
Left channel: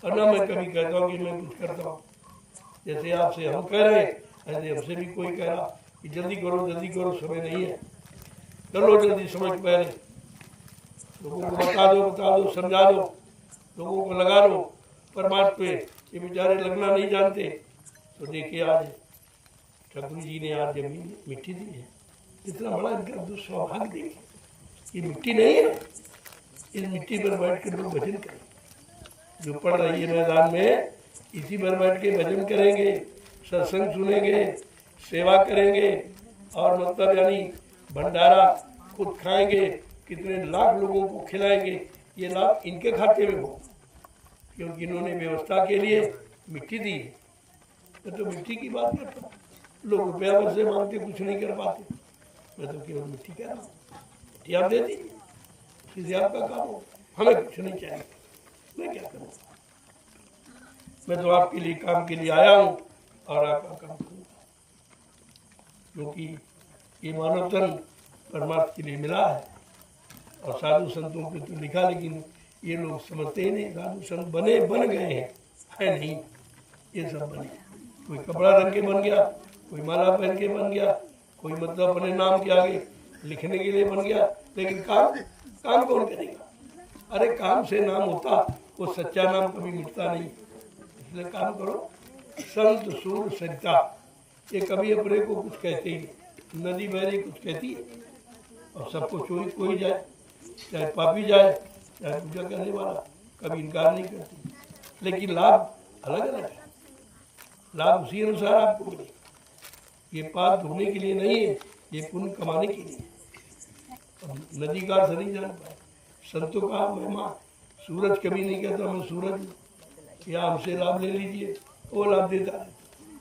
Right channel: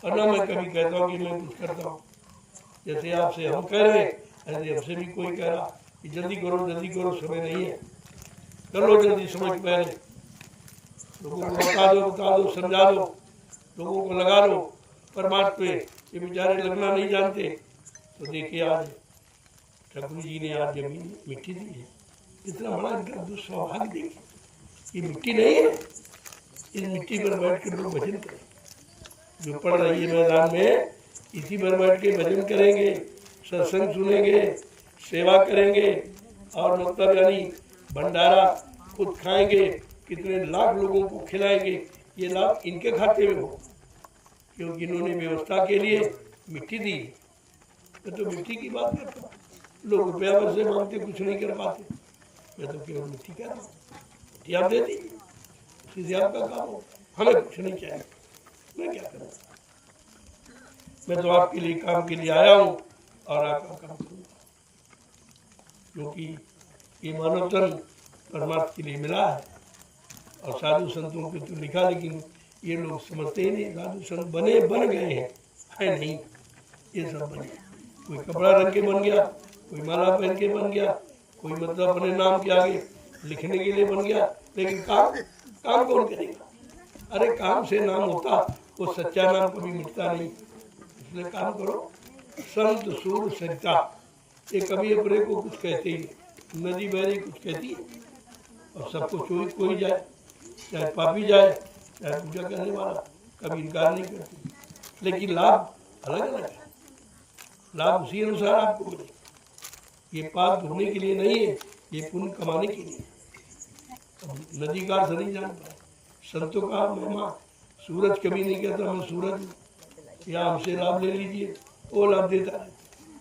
और ना मैं कभी कहता हूँ कि मैं कुछ करता हूँ। जैसे आपसे हम कह रहे हैं ऐसे हमसे भी कोई कह रहा कि जल्दी करो, समय नहीं है, कर लो जल्दी, समय के पहले। लोगों को बता दो, समझा दो, लोगों को लगा लो परमात्मा पे। ये बेचारे लगना नहीं जानते। तो देखिए आज ठाकुर जी ने आज जमीन मिट्टी दी है, इतना बड़ा इनका दुस्सौभाग्य देखिए। ये मिट्टी नहीं है, इस मिट्टी पर बैठ कर लोग भजन करें। जो पढ़ रही है मैदान में, इसी पर बैठ के भजन करेंगे, सत्संग सुनेंगे, सेवा करेंगे, और मतलब यानी भंडारा खुद खाएंगे, कितने लाख लोगों को खिलाएंगे, ये लाभ इनके खाते में हो, क्योंकि इन्होंने व्यवस्था के लिए मिट्टी दी है। मैं तो मिट्टी की बात करता हूँ, लोग रुपया वैसे मांगते कुछ नहीं कर पाते, मैं तो केवल मिट्टी कह रहा हूँ। मिट्टी आप दे दीजिए, सीधे आपका काम होगा, हमें कुछ नहीं चाहिए, मैं क्या करूँ। मैं तो आपके लिए काम के लिए आया हूँ और आपका काम करूँगा, क्योंकि ये मानव तन परमात्मा के लिए मिला है। और साधु संतों पे तो लिखा, लेकिन ये लोग समझते ही नहीं। साधु संत बन गए हैं, है नहीं, ये सब बने। कोई कपड़ा रंग के बन गया, कोई माला पहन के बन गया, कोई मतलब अपने नाम के आगे लिखने के लिए बन गया, लेकिन काम कौन करेगा। अरे काम से नाम होता, वो सच्चा नाम कभी मिटता नहीं। इसलिए काम करो। संत सूर सरिता, ये कभी अपने को कुछ कहते ही नहीं। नदी बहरी कुछ कहती है, और सबको कोई जाए, चाहे पापी जाए चाहे पूजा करने वाला, कभी इनकार नहीं करती। लेकिन लाभ अलग अलग है, लाभ उसी अनुसार आपको मिलेगा। ये पाप धोने के लिए नहीं है, ये पुण्य कमाने के लिए। अब नदी का अर्थ नहीं जान पाए, संतों का महिमा। सूरज कभी नहीं कहता मैं सूरज हूँ, या हमसे लाभ ले लीजिए, वो लाभ देता है।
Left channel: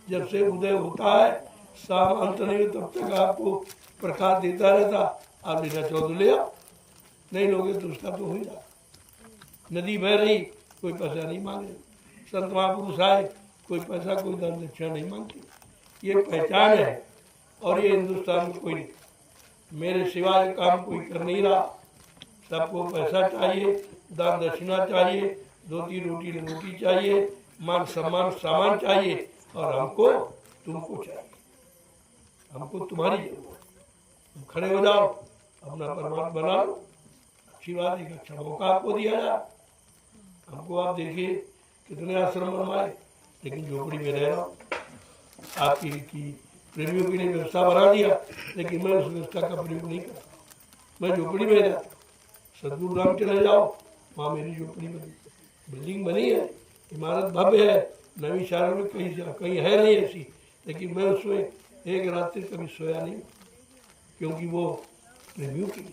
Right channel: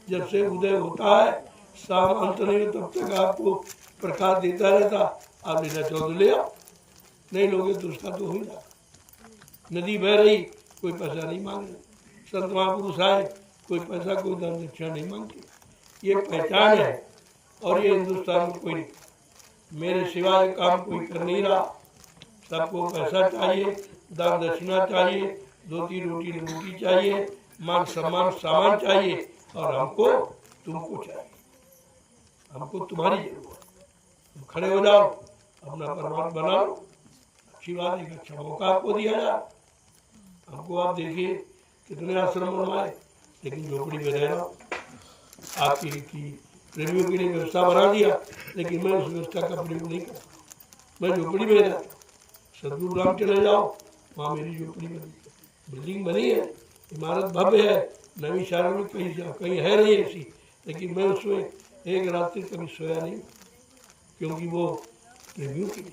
जब से उदय होता है, शाम अंत नहीं हो, तब तक आपको प्रकाश देता रहता। आप लेना चाहो तो ले आओ, नहीं लोगे तो उसका तो हो ही रहा। नदी बह रही, कोई पैसा नहीं मांग रही। संत महापुरुष आए, कोई पैसा कोई दान दक्षिणा नहीं मांगते। ये पहचान है, और ये हिंदुस्तान में कोई नहीं, मेरे सिवाय काम कोई कर नहीं रहा। सबको पैसा चाहिए, दान दक्षिणा चाहिए, धोती रोटी रोटी चाहिए, मान सम्मान सामान चाहिए, और हमको तुमको चाहिए। हमको तुम्हारी जरूरत है। तुम खड़े हो जाओ, अपना परमात्मा बना लो। अच्छी बात है, एक अच्छा मौका आपको दिया जाए। हमको आप देखिए कितने आश्रम बनवाए, लेकिन झोपड़ी में रह रहा हूँ। आपकी प्रेमियों के लिए व्यवस्था बना दिया, लेकिन मैं उस व्यवस्था का प्रयोग नहीं करता, मैं झोपड़ी में रहता। सदगुरु धाम चले जाओ, वहाँ मेरी झोपड़ी बनी, बिल्डिंग बनी है, इमारत भव्य है, नवी शहर में कहीं है नहीं ऐसी, लेकिन मैं उसमें एक रात्रि कभी सोया नहीं, क्योंकि वो प्रेमियों के लिए,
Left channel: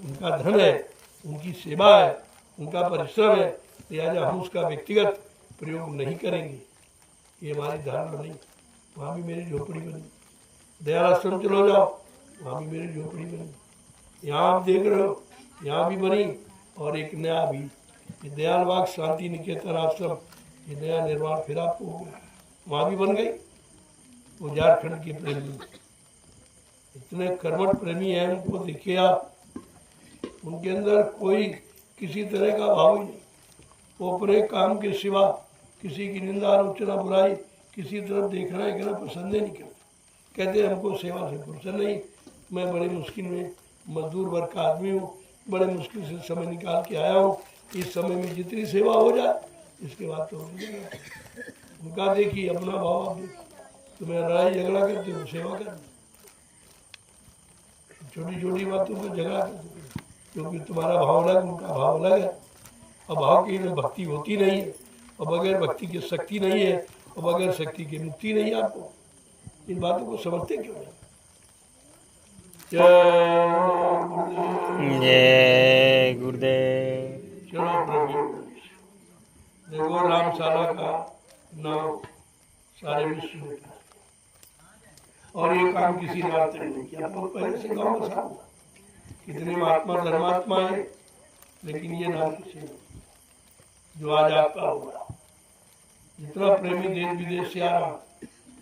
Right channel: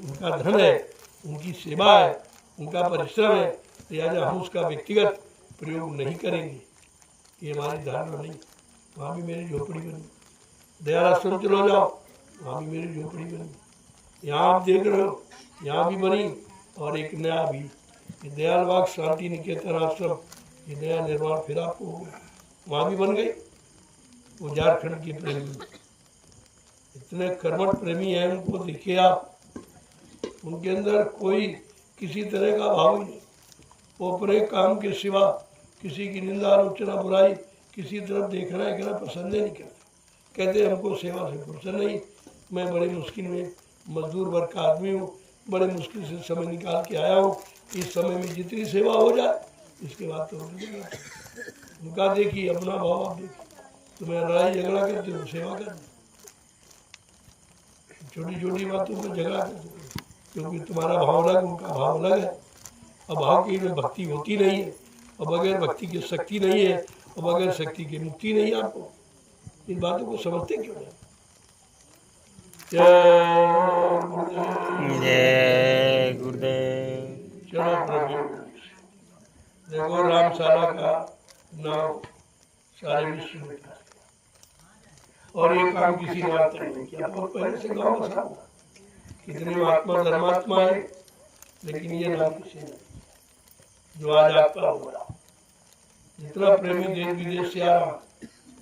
उनका धन है, उनकी सेवा है, उनका परिश्रम है, लिहाजा हम उसका व्यक्तिगत प्रयोग नहीं करेंगे। ये हमारी धारणा नहीं। वहाँ भी मेरी झोपड़ी बनी। दयाल आश्रम चलो जाओ, वहाँ भी मेरी झोपड़ी बनी। यहाँ आप देख रहे हो, यहाँ भी बनी, और एक नया भी, ये दयाल बाग शांति निकेतन आश्रम, ये नया निर्माण फिर आपको हो गया, वहाँ भी बन गई। वो झारखंड के प्रेमी, इतने कर्मठ प्रेमी हैं, उनको देखिए आप, उनके अंदर कोई किसी तरह का भाव ही नहीं। वो अपने काम के सिवा किसी की निंदा आलोचना बुराई किसी तरफ देखना एकना पसंद नहीं करते। कहते हमको सेवा से फुर्सत नहीं, मैं बड़े मुश्किल में मजदूर वर्ग का आदमी हूँ, बड़े मुश्किल से समय निकाल के आया हूँ, इस समय में जितनी सेवा हो जाए इसके बाद तो हो जाएगा। उनका देखिए अपना भाव, आप देखिए, तुम्हें लड़ाई झगड़ा करते हो, सेवा करते, छोटी छोटी बातों पर झगड़ा करते हो, क्योंकि तुम्हारा भाव अलग, उनका भाव अलग है। और भाव की में भक्ति होती नहीं है, और बगैर भक्ति की शक्ति नहीं है, और बगैर शक्ति की मुक्ति नहीं है। आपको इन बातों को समझते क्यों नहीं। जय गुरुदेव। चलो प्रभु, देखो रामशाला का नाम सारे विश्व में था, और ये काम किसी ने आज तक नहीं किया। बहुत पहले से गाँव बसा हुआ, कितने महात्मा धर्मात्मा है, लेकिन ये नाम किसी ने, जो आज आपका हो रहा। जितना प्रेमी देश विदेश से आ रहा,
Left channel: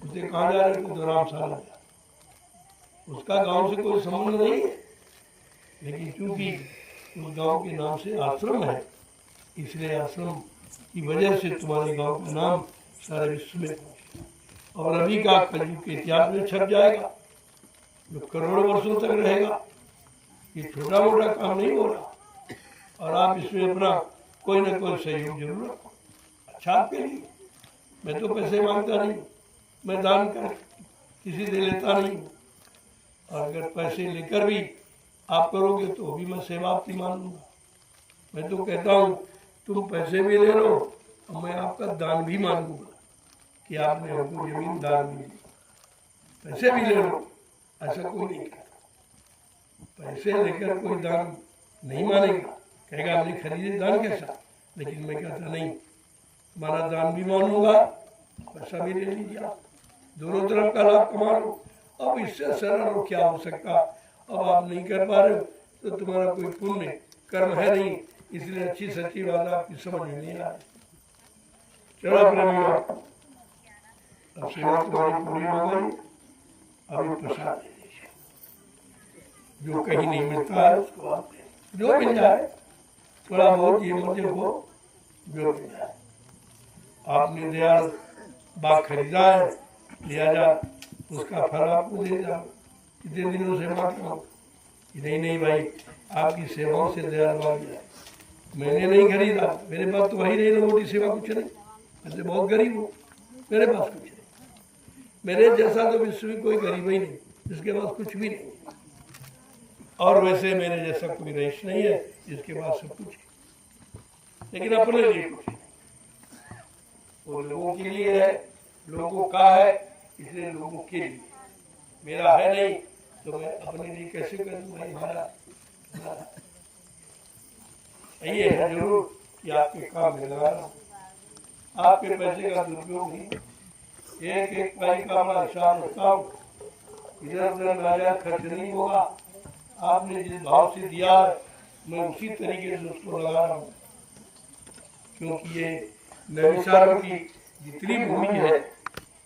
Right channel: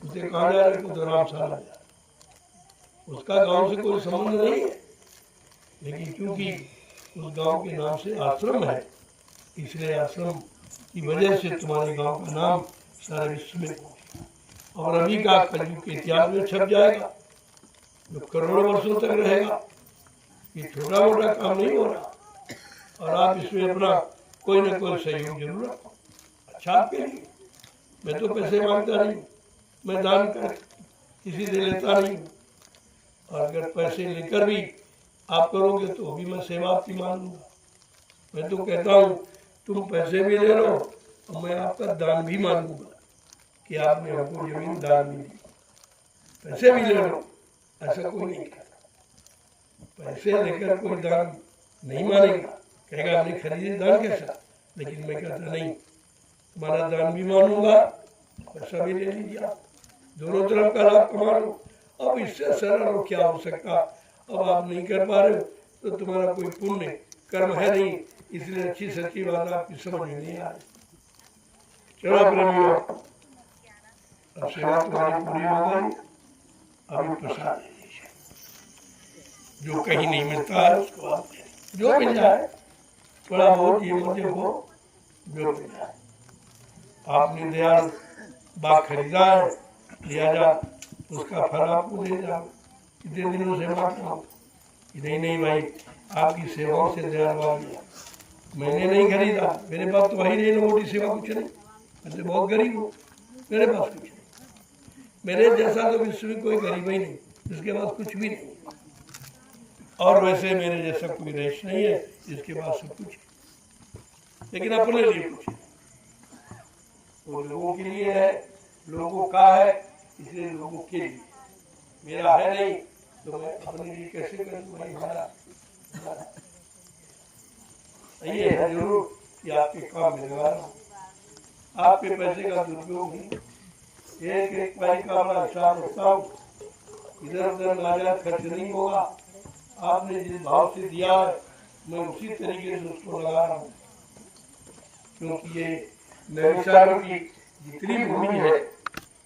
उसे कहाँ जा रहे थे, तो रामशाला जा, उसका गांव से कोई संबंध नहीं है, लेकिन क्योंकि उस गांव के नाम से आश्रम है, इसलिए आश्रम की वजह से तुम्हारे गांव का नाम सारे विश्व में पहुंचे, और अभी का कलयुग के इतिहास में छप जाएगा, जो करोड़ों वर्षों तक रहेगा। ये छोटा मोटा काम नहीं हो रहा, और आप इसमें अपना कोई ना कोई सहयोग जरूर रखो, अच्छा आपके लिए। मैं तो पैसे मांगता नहीं, मैं दान कर किसी से लेता नहीं हूँ, और अगर पैसे लेकर भी आप करोगे तो भी मैं सेवा आपकी मानूंगा। मैं तो कहता हूँ तुम पैसे भी ले लो, और मैं आपका दान भी मानूंगा कि आपने हमको जमीन दान भी दी। पैसे भी ले लो, ऐसा कोई नहीं कहता। पैसे लेकर कोई दान नहीं मानेगा, कहेगा हमने खरीदे दान कैसा, लेकिन मैं कहता नहीं, तुम्हारा दान भी मानूंगा, पैसा भी ले लीजिए आप, दोनों तरफ का लाभ कमा लो। अब इससे सरल और क्या हो सकता। अब आप नहीं कर पा रहे हो तो तुम्हारा कोई पुण्य कर्म है नहीं, इसलिए अच्छी सच्ची बात आपकी समझ में नहीं आ रही। चलो प्रेमियों, अब सेवा तुम्हारी पूरी हो गई, अभी प्रसाद दे दीजिए। जो कहीं नहीं मिलता है उसको आप दे दीजिए, जो मिल जाए, थोड़ा बहुत ये मत देखो, जो मिल जाए। आपने दयाल बाग खरीदा है, लिया जा, उसका फल आपको दे जाओ। कितने दिनों से मांगता हूँ, नहीं भाई, आपकी सेवाओं से दयाल बाग गया, मैंने नहीं खरीदा, मेरे पास तो वही नहीं, मोटी सेवा कुछ नहीं, मैं तो बहुत गरीब हूँ, मेरे पास कुछ नहीं। मेरे जैसा तो विश्व में कोई गरीब ही नहीं, जिसके पास कुछ भी नहीं, और वैसे मेरे जैसा कोई रईस नहीं है जिसके पास सब कुछ है, लेकिन अपने लिए कुछ है। वो लोगों के लिए है, लोगों का है, इसलिए लोगों के लिए, मेरा है नहीं तो मैं अपने लिए कैसे करूँ भाई। हमारा ये है जरूर कि आपके काम में लगा रहा हूँ, आपके पैसे का दुरुपयोग नहीं, एक एक पैसे का बड़ा हिसाब रखता हूँ, इधर उधर नाजायज खर्च नहीं होगा। आपने जिस भाव से दिया है मैं उसी तरीके से उसको लगा रहा हूँ, क्योंकि ये नैमिषारण्य की जितनी भूमि है,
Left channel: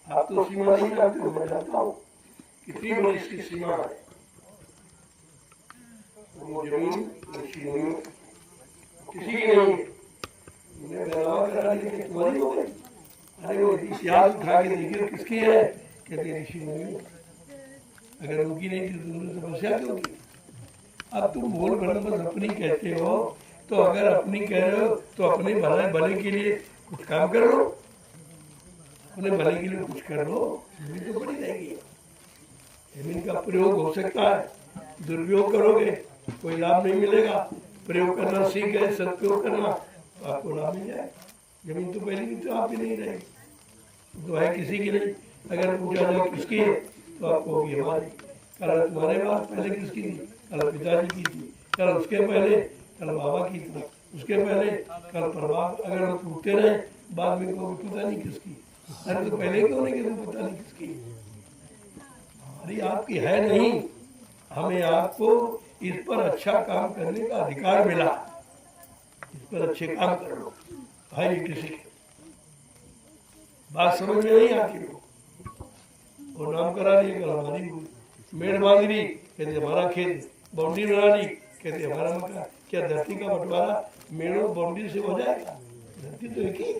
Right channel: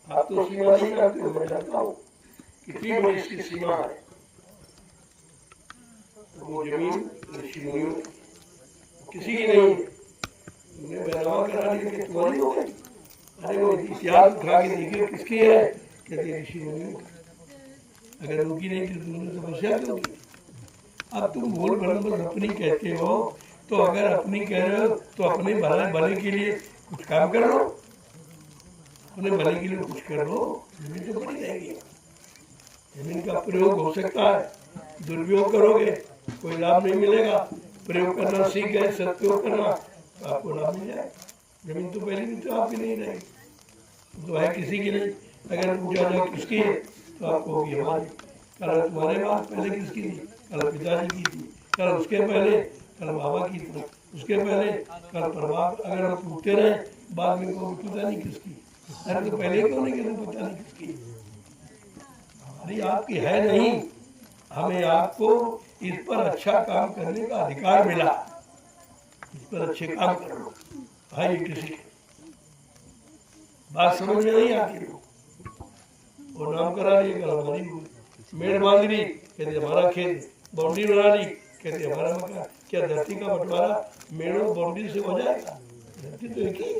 आप तो सीमा नहीं जानते हो, मैं जानता हूँ कितनी बड़ी इसकी सीमा है। वो जमीन ऋषि मुनियों किसी की नहीं, उन्हें बहलावा करा दी तुम्हारी हो गई। अरे वो इतिहास उठा के देखिए किसकी है, कहते ऋषि मुनियों। अगर उनकी नहीं तो तुमने समस्या क्यों की। अब तुम बोल बस अपनी कहते हो, तो अगर अपनी कह रहे हो तो अपने भले के लिए कुछ काम कर लो, अपने भले के लिए कुछ कर लो, जमीन तो पड़ी रहेगी। जमीन का प्रयोग हो सकता है, दुरुपयोग करोगे कोई लाभ नहीं मिलेगा, प्रयोग करना सीख गए, सदुपयोग करना तो आपको लाभ मिल जाएगा। जमीन तो पहले भी तो आपकी नहीं रहेगी, तो है किसी की नहीं। अगर पूछा जाए किसकी है तो आपको होगी हमारी। कल तुम्हारे बाद पहले किसकी थी, कल पिताजी की थी, कल उसके पहले कल बाबा की थी, उसके पहले कल परमात्मा। अगर हम पूछते रहे बाद में को पता नहीं किसकी, अरे तो पहले क्यों नहीं कहते पता नहीं किसकी। हमारी आपकी है नहीं, हमें आपको इस पर अच्छा काम करने का अधिकार मिला, इस पर अच्छे काम करो। भाई किसी के बात समझ में नहीं आती हो, वो नाम करा लिए कल हमारी हुई, मेड़ बांध ली कहते हमारा खेत, बाउंड्री बना ली कहते हमारा मकान। क्या धरती का बंटवारा मेड़ों बाउंड्री से हो जाएगा? धरती तो एक ही,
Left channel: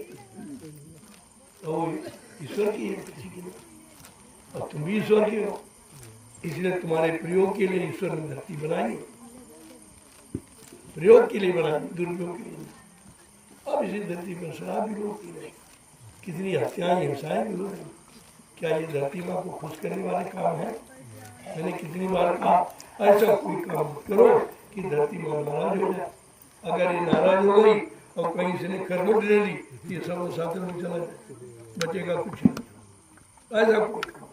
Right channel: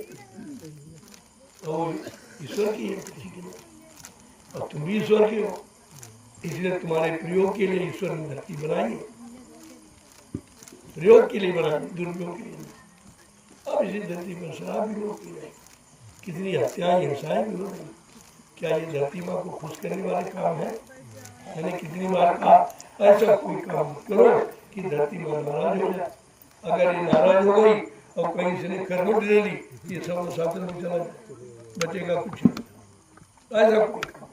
तो वो ईश्वर की है, किसी की नहीं। और तुम भी ईश्वर के हो, इसलिए तुम्हारे प्रयोग के लिए ईश्वर ने धरती बनाई है, प्रयोग के लिए बनाई, दुरुपयोग के लिए नहीं। अब इसी धरती पर शराब भी लोग पी रहे, कितनी हत्याएं हिंसाएं भी हो रही। क्या ये धरती माँ को खुश करने वाले काम है? मैंने कितनी बार कहा ऐसा कोई काम करो कि धरती माँ नाराज हो जाए। अगर ये नाराज हो गई और कहीं से ने करवट ले ली, ये सब साथ में चला जाए, बचेगा कुछ नहीं। ऐसा कोई काम,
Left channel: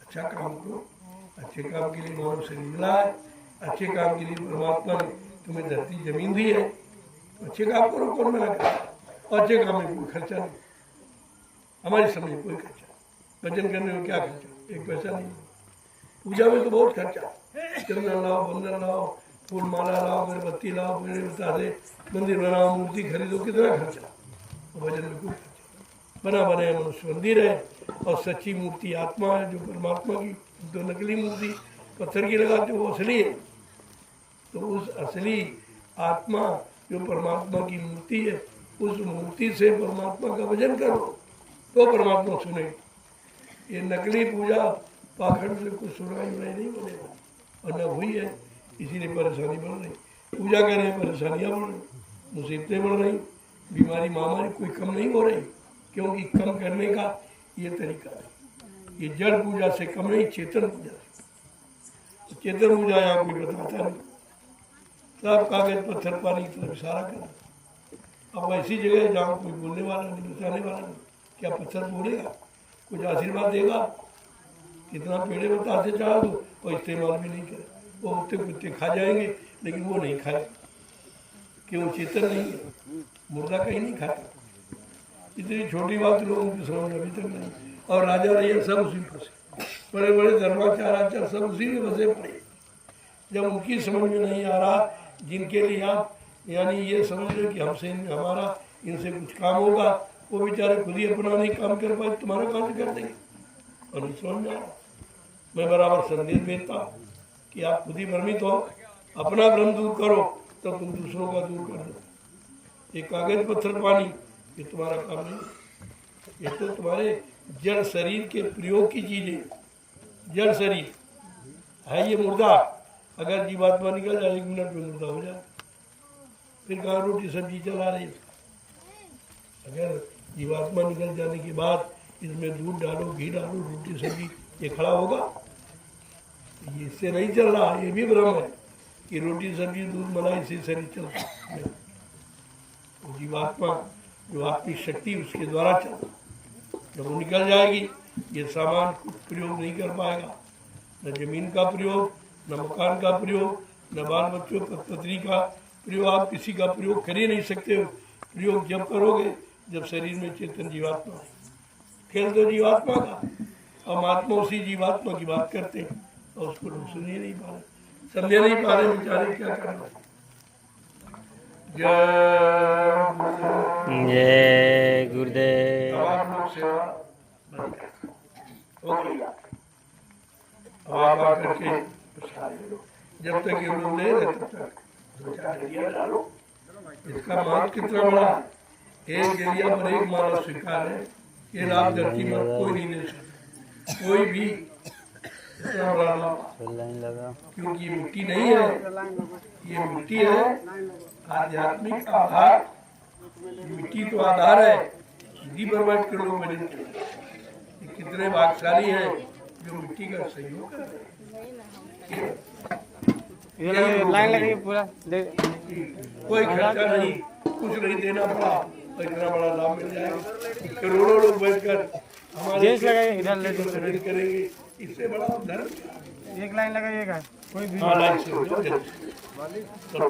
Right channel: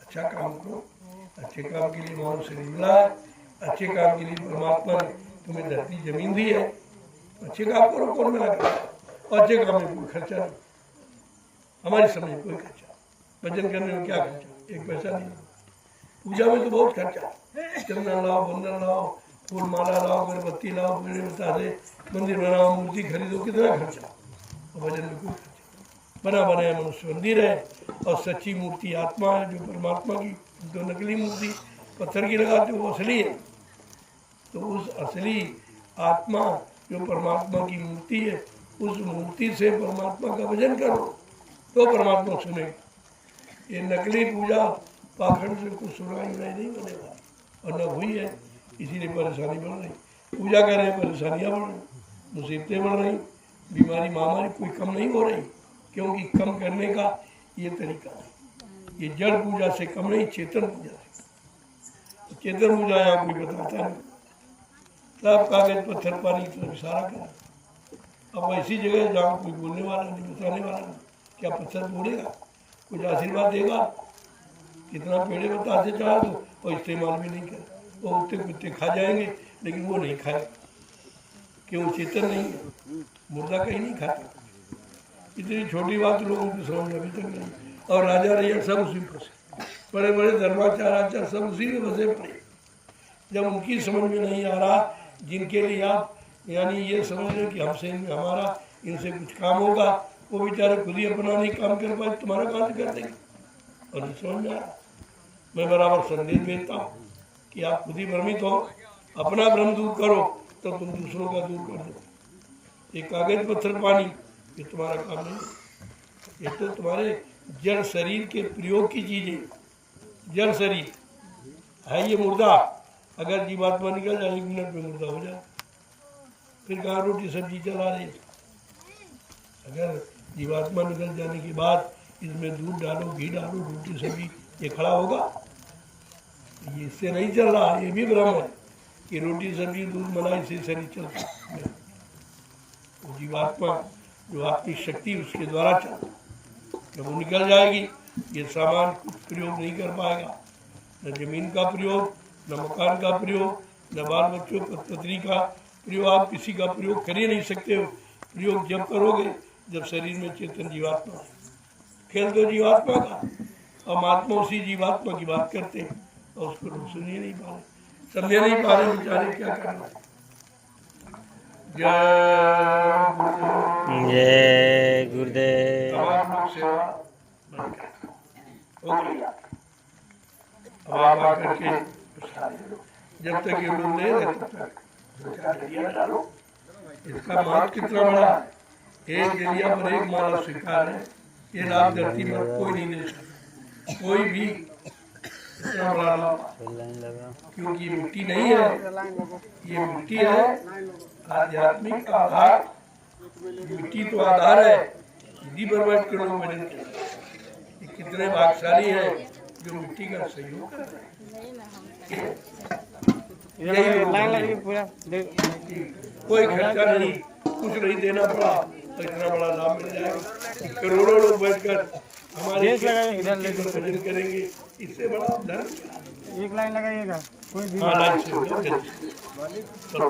अच्छा काम करो। अच्छे काम के लिए मानव शरीर मिला है, अच्छे काम के लिए परमात्मा ने तुम्हें धरती जमीन दी है, तो अच्छे काम करो, कौन मना करे। और अच्छे काम में कोई खर्चा नहीं, हमारी समझ में कोई खर्चा। भजन करने में क्या खर्चा, एक पैसा नहीं। पूजा में तो बहुत खर्चा, चंदन लाओ, बंदन लाओ, फूल माला लाओ, अगरबत्ती लाओ, मेरे बता दे मंदिर बनाओ, मूर्ति खरीदो, कितना खर्चा। और भजन में कोई खर्चा। बना बनाया मनुष्य मंदिर है, और सच्ची मूर्ति आत्मा है जो परमात्मा की। तो नकली मूर्ति पत्थर की लगाते हो वो असली है, तो उस असली आत्मा जो परमात्मा की मूर्ति है, उस मूर्ति से परमात्मा का भजन करो तो परमात्मा सुनेगा। ये नकली पूजा पाखंड से कुछ सुनाई नहीं होने वाली, और न हुई है, इसीलिए परेशानी बढ़ रही। पूजा कर रहे परेशानियाँ बढ़ रही, मुसीबतें बढ़ रही, बीमारी महामारी कोई कम नहीं हो रही, क्योंकि कम करने का ये तरीका नहीं। ये जड़ पूजा से कम नहीं, चेतन पूजा से। चेतन पूजा यहाँ कोई बताता नहीं, सब कागज पत्थर पानी की तरफ इशारा कर। अब ऐसी जगह जहाँ कोई बोलने वाला नहीं, बताने वाला नहीं, क्या पत्थर बोलेगा, कुछ आशीर्वाद देगा? कितना पेड़े बतासे चढ़ा दो और इस्तेमाल भी नहीं करे, वो कुत्ते कुत्ते खा जाएंगे लेकिन वो नहीं खाए, क्यों? चेतन नहीं है, मुर्दा कहीं नहीं खाता। इतनी छोटी बात लोगों की समझ अभी तक नहीं। और राजा रैया सब उसी में फंसे, बड़े बड़े धर्माचार आचार सब उसी में फंसे पड़े। जब उनकी समझ में नहीं आ रहा, जिनके लिए आप यानी ये समझ रहे कि हमसे हमारा इनसे कुछ काम होगा, वो बेचारे खुद ही अपना नहीं काम कर पाए, तुम्हारा कहाँ से कर देंगे? और नहीं समझ में आ रहा। मैं बराबर संदेश देता हूँ कि आप खुद ही भ्रमित हो, अपना भ्रम दूर करो तो तुम दूसरों का दूर कर दो। ये कागज पत्थर पानी ये तुम्हारा काम नहीं, ये तो तुम्हारे जड़ शरीर के प्रयोग की चीजें। जड़ शरीर है ये मुर्दा, अगर जीवात्मा निकल जाए 1 मिनट में मुर्दा हो जाए, फिर कहाँ रोटी सब्जी चला रही है? अगर जीवात्मा निकल जाने के बाद इसमें दूध डालो, घी डालो, रोटी सब्जी, ये खड़ा होगा? ये इससे नहीं चल रहा। ये भी भ्रम है कि रोटी सब्जी दूध मलाई से शरीर चलता है। वो जीवात्मा जो आत्मिक शक्ति उसके द्वारा चलता, जब वो निकल जाएगी ये सामान कुछ प्रयोग नहीं कर पाएगा, न जमीन का प्रयोग, न मकान का प्रयोग, न बाल बच्चों पत्नी का प्रयोग। आप किसी का प्रयोग कर ही नहीं सकते हो। प्रयोग जब करोगे जब शरीर में चेतन जीवात्मा है। खेल दो जीवात्मा का, और महात्मा उसी जीवात्मा की बात करते हैं और उसको लोग सुन ही नहीं पा रहे, समझे नहीं पा रहे, बेचारे क्या करना। जय गुरुदेव। जय गुरुदेव। अब आप लोग सेवा बंद कर, ओके? अब आप आकर के जब तक ये लोग ले रहे तब तक 2-4 डलिया डालो। इसका महत्व कितना बड़ा है, 1 डलिया पर 1 माला स्वीकार है। ये लाभ धरती पर कोई नहीं दे सकता, कोई भी इतना बड़ा लाभ, क्योंकि ये मिट्टी नहीं है, ये मिट्टी है आध्यात्मिक आधार। मिट्टी तो आधार है, इसी पर बैठ के लोग भजन करते हैं। ये कितने भाग्यशाली हैं जो मिट्टी का सहयोग कर रहे हैं। कोई खर्चा नहीं, कुछ नहीं देना पड़ा, तो इतना बड़ा लाभ मिल जाएगा। करोड़ों लोग बैठकर हमारे भजन करेंगे, इससे बड़ा धर्म क्या? 1 लाइन लगाइएगा कोई भी। हाँ, लाइन से चलो।